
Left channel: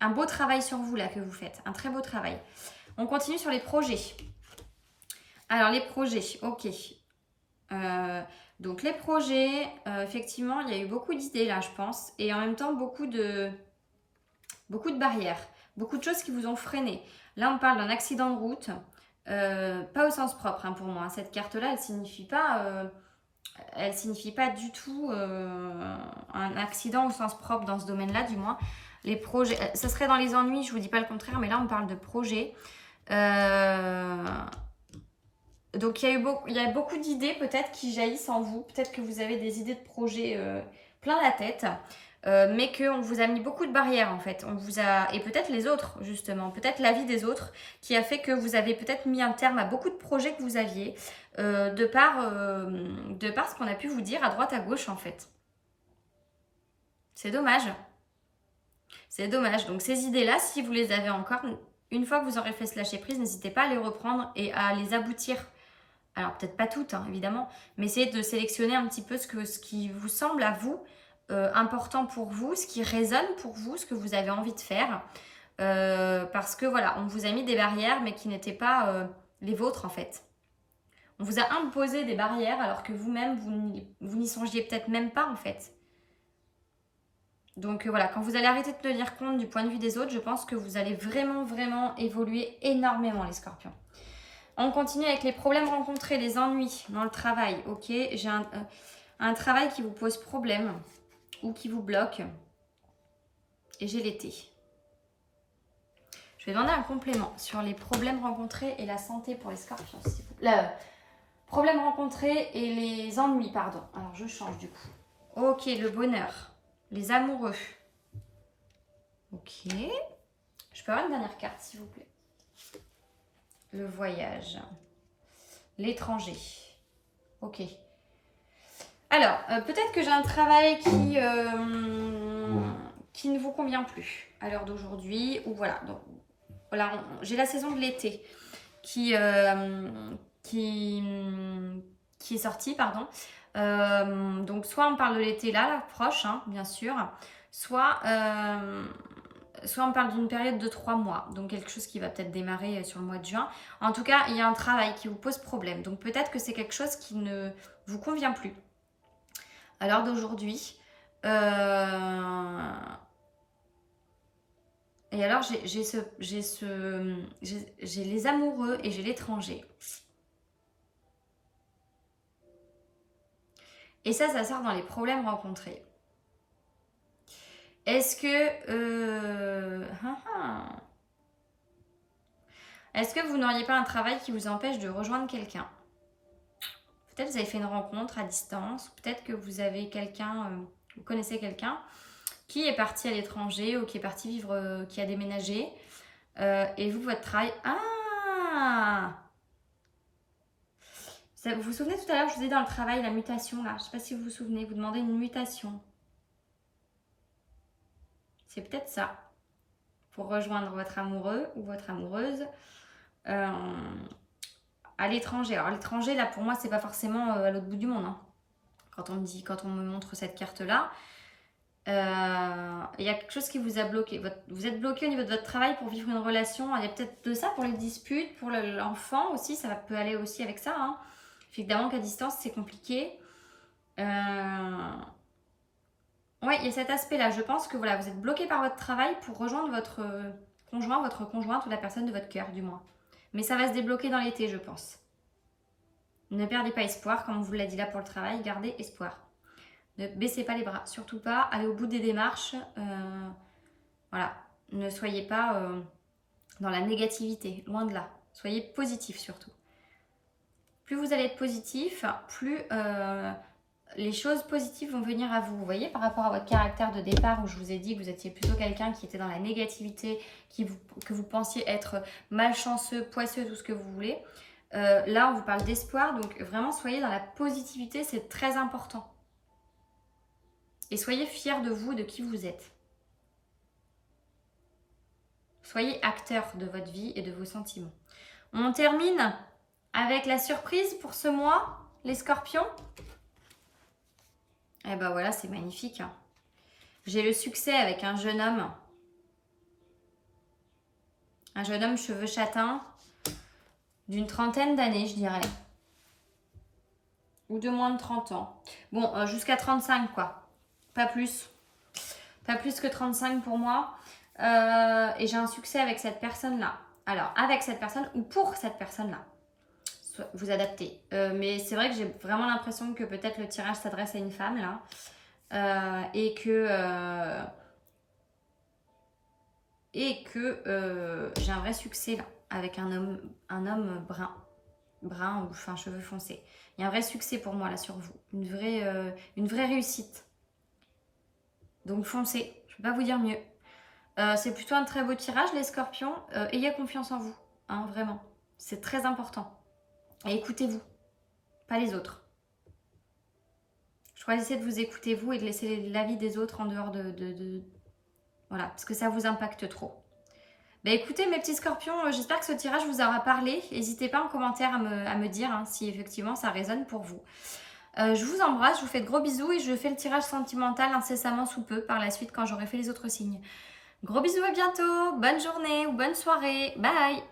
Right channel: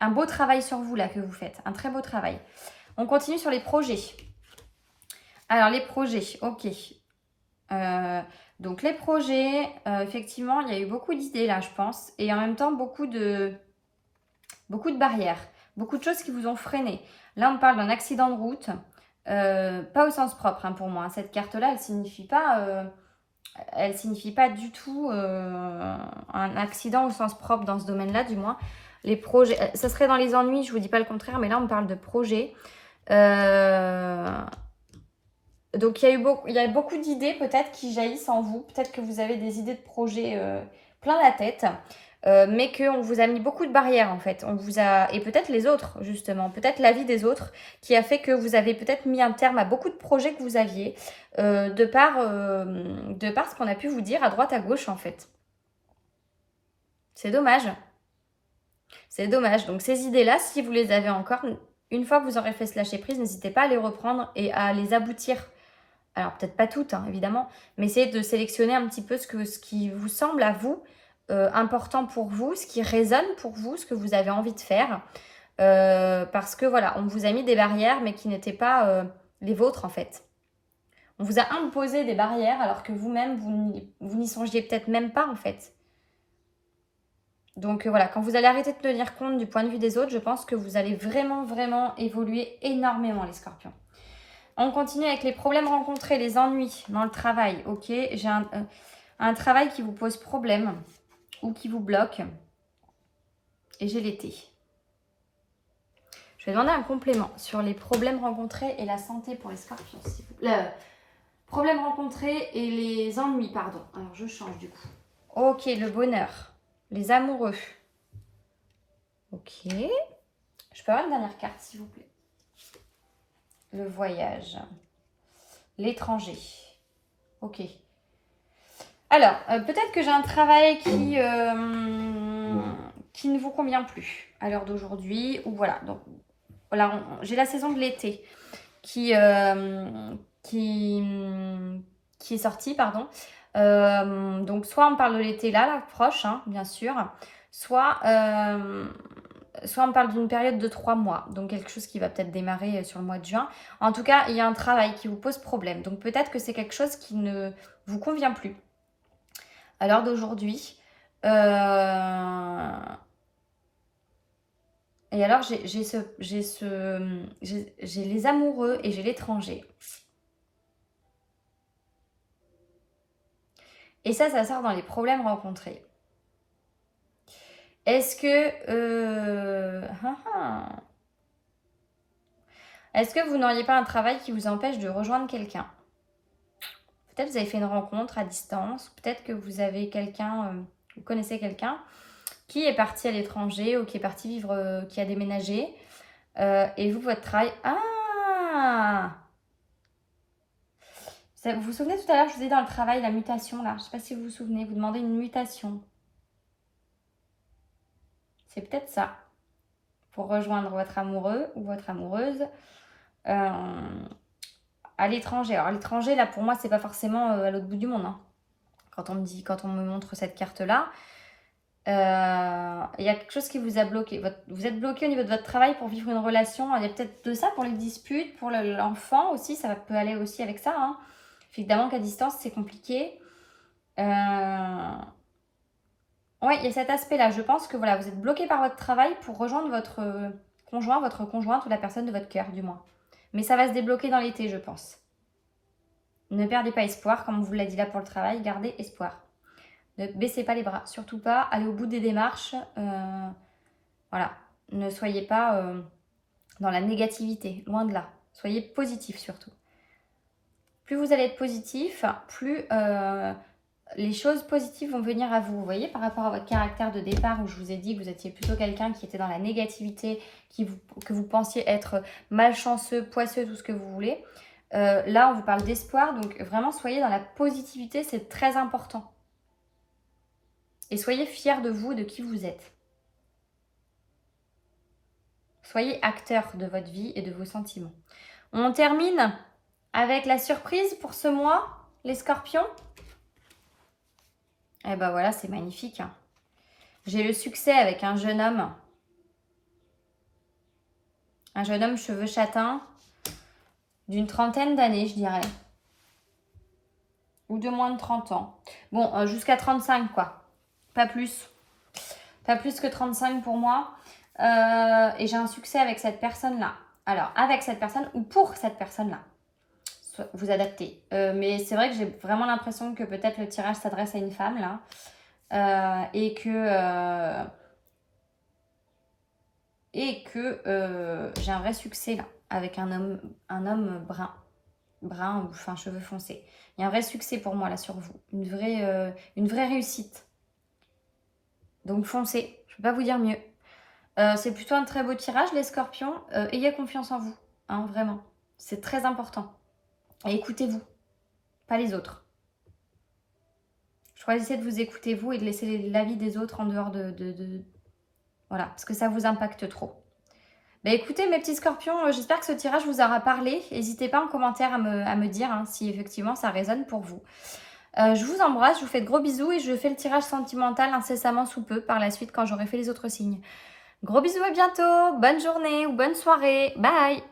un beau travail sur vous, là, que vous faites. Un très beau travail. On continue sur les projets. Alors, les projets. Ok. Donc, les projets, effectivement, il y a eu beaucoup d'idées, là, je pense. Et en même temps, beaucoup de barrières. Beaucoup de choses qui vous ont freiné. Là, on parle d'un accident de route. Pas au sens propre, hein, pour moi. Cette carte-là, elle signifie pas du tout un accident au sens propre dans ce domaine-là, du moins. Les projets, ça serait dans les ennuis, je vous dis pas le contraire, mais là, on parle de projets. Donc, il y a beaucoup d'idées peut-être qui jaillissent en vous. Peut-être que vous avez des idées de projets plein la tête. Mais qu'on vous a mis beaucoup de barrières en fait. Et peut-être les autres justement, peut-être la vie des autres qui a fait que vous avez peut-être mis un terme à beaucoup de projets que vous aviez de par ce qu'on a pu vous dire à droite à gauche en fait. C'est dommage. C'est dommage. Donc ces idées-là, si vous les avez encore, une fois que vous aurez fait ce lâcher prise, n'hésitez pas à les reprendre et à les aboutir. Alors peut-être pas toutes hein, évidemment, mais essayez de sélectionner un petit peu ce qui vous semble à vous important pour vous, ce qui résonne pour vous, ce que vous avez envie de faire. Parce que voilà, on vous a mis des barrières, mais qui n'étaient pas les vôtres en fait. On vous a imposé des barrières alors que vous-même, vous n'y songiez peut-être même pas en fait. Donc voilà, quand vous allez arrêter de tenir compte du point de vue des autres, je pense que vous allez vraiment, vraiment évoluer énormément les scorpions. On continue avec les problèmes rencontrés, les ennuis dans le travail. Ok, j'ai un travail qui vous pose problème ou qui vous bloque. Et j'ai l'été. Je vais demander un complément sur les problèmes rencontrés et la santé pour les scorpions. Problèmes rencontrés et les ennuis, pardon. Alors, je change du coup. Ok, le bonheur. Les amoureux. Ok. Je peux avoir une dernière carte, s'il vous plaît. Le voyage. L'étranger. Ok. Alors, peut-être que j'ai un travail qui ne vous convient plus à l'heure d'aujourd'hui. Ou voilà. Donc, voilà, j'ai la saison de l'été qui est sortie, pardon. Donc, soit on parle de l'été là, proche, hein, bien sûr. Soit on parle d'une période de 3 mois. Donc, quelque chose qui va peut-être démarrer sur le mois de juin. En tout cas, il y a un travail qui vous pose problème. Donc, peut-être que c'est quelque chose qui ne vous convient plus à l'heure d'aujourd'hui. Et alors, j'ai les amoureux et j'ai l'étranger. Et ça sort dans les problèmes rencontrés. Est-ce que vous n'auriez pas un travail qui vous empêche de rejoindre quelqu'un? Peut-être vous avez fait une rencontre à distance. Peut-être que vous avez quelqu'un, vous connaissez quelqu'un qui est parti à l'étranger ou qui est parti vivre, qui a déménagé. Et vous, votre travail... Ah! Vous vous souvenez tout à l'heure, je vous ai dit dans le travail, la mutation, là. Je ne sais pas si vous vous souvenez, vous demandez une mutation. C'est peut-être ça. Pour rejoindre votre amoureux ou votre amoureuse à l'étranger. Alors, l'étranger, là, pour moi, c'est pas forcément à l'autre bout du monde. Hein. Quand on me montre cette carte-là, il y a quelque chose qui vous a bloqué. Vous êtes bloqué au niveau de votre travail pour vivre une relation. Il y a peut-être de ça pour les disputes, pour l'enfant aussi. Ça peut aller aussi avec ça. Hein. Évidemment qu'à distance, c'est compliqué. Ouais, il y a cet aspect-là. Je pense que voilà, vous êtes bloqué par votre travail pour rejoindre votre conjoint, votre conjointe ou la personne de votre cœur, du moins. Mais ça va se débloquer dans l'été, je pense. Ne perdez pas espoir, comme on vous l'a dit là pour le travail, gardez espoir. Ne baissez pas les bras, surtout pas. Allez au bout des démarches. Voilà, ne soyez pas dans la négativité, loin de là. Soyez positif surtout. Plus vous allez être positif, plus les choses positives vont venir à vous. Vous voyez, par rapport à votre caractère de départ, où je vous ai dit que vous étiez plutôt quelqu'un qui était dans la négativité, que vous pensiez être malchanceux, poisseux, tout ce que vous voulez. Là, on vous parle d'espoir, donc vraiment, soyez dans la positivité, c'est très important. Et soyez fiers de vous, de qui vous êtes. Soyez acteur de votre vie et de vos sentiments. On termine avec la surprise pour ce mois, les scorpions. Et ben voilà, c'est magnifique. Hein. J'ai le succès avec un jeune homme. Un jeune homme cheveux châtains, d'une trentaine d'années, je dirais. Ou de moins de 30 ans. Bon, jusqu'à 35, quoi. Pas plus. Pas plus que 35 pour moi. Et j'ai un succès avec cette personne-là. Alors, avec cette personne ou pour cette personne-là. Vous adaptez. Mais c'est vrai que j'ai vraiment l'impression que peut-être le tirage s'adresse à une femme, là. Et que j'ai un vrai succès, là. Avec un homme brun ou enfin cheveux foncés. Il y a un vrai succès pour moi, là, sur vous. Une vraie réussite. Donc, foncez. Je ne peux pas vous dire mieux. C'est plutôt un très beau tirage, les scorpions. Ayez confiance en vous, hein, vraiment. C'est très important. Et écoutez-vous, pas les autres. Choisissez de vous écouter vous et de laisser l'avis des autres en dehors Voilà, parce que ça vous impacte trop. Ben écoutez, mes petits scorpions, j'espère que ce tirage vous aura parlé. N'hésitez pas en commentaire à me dire hein, si effectivement ça résonne pour vous. Je vous embrasse, je vous fais de gros bisous et je fais le tirage sentimental incessamment sous peu par la suite quand j'aurai fait les autres signes. Gros bisous, à bientôt, bonne journée ou bonne soirée, bye!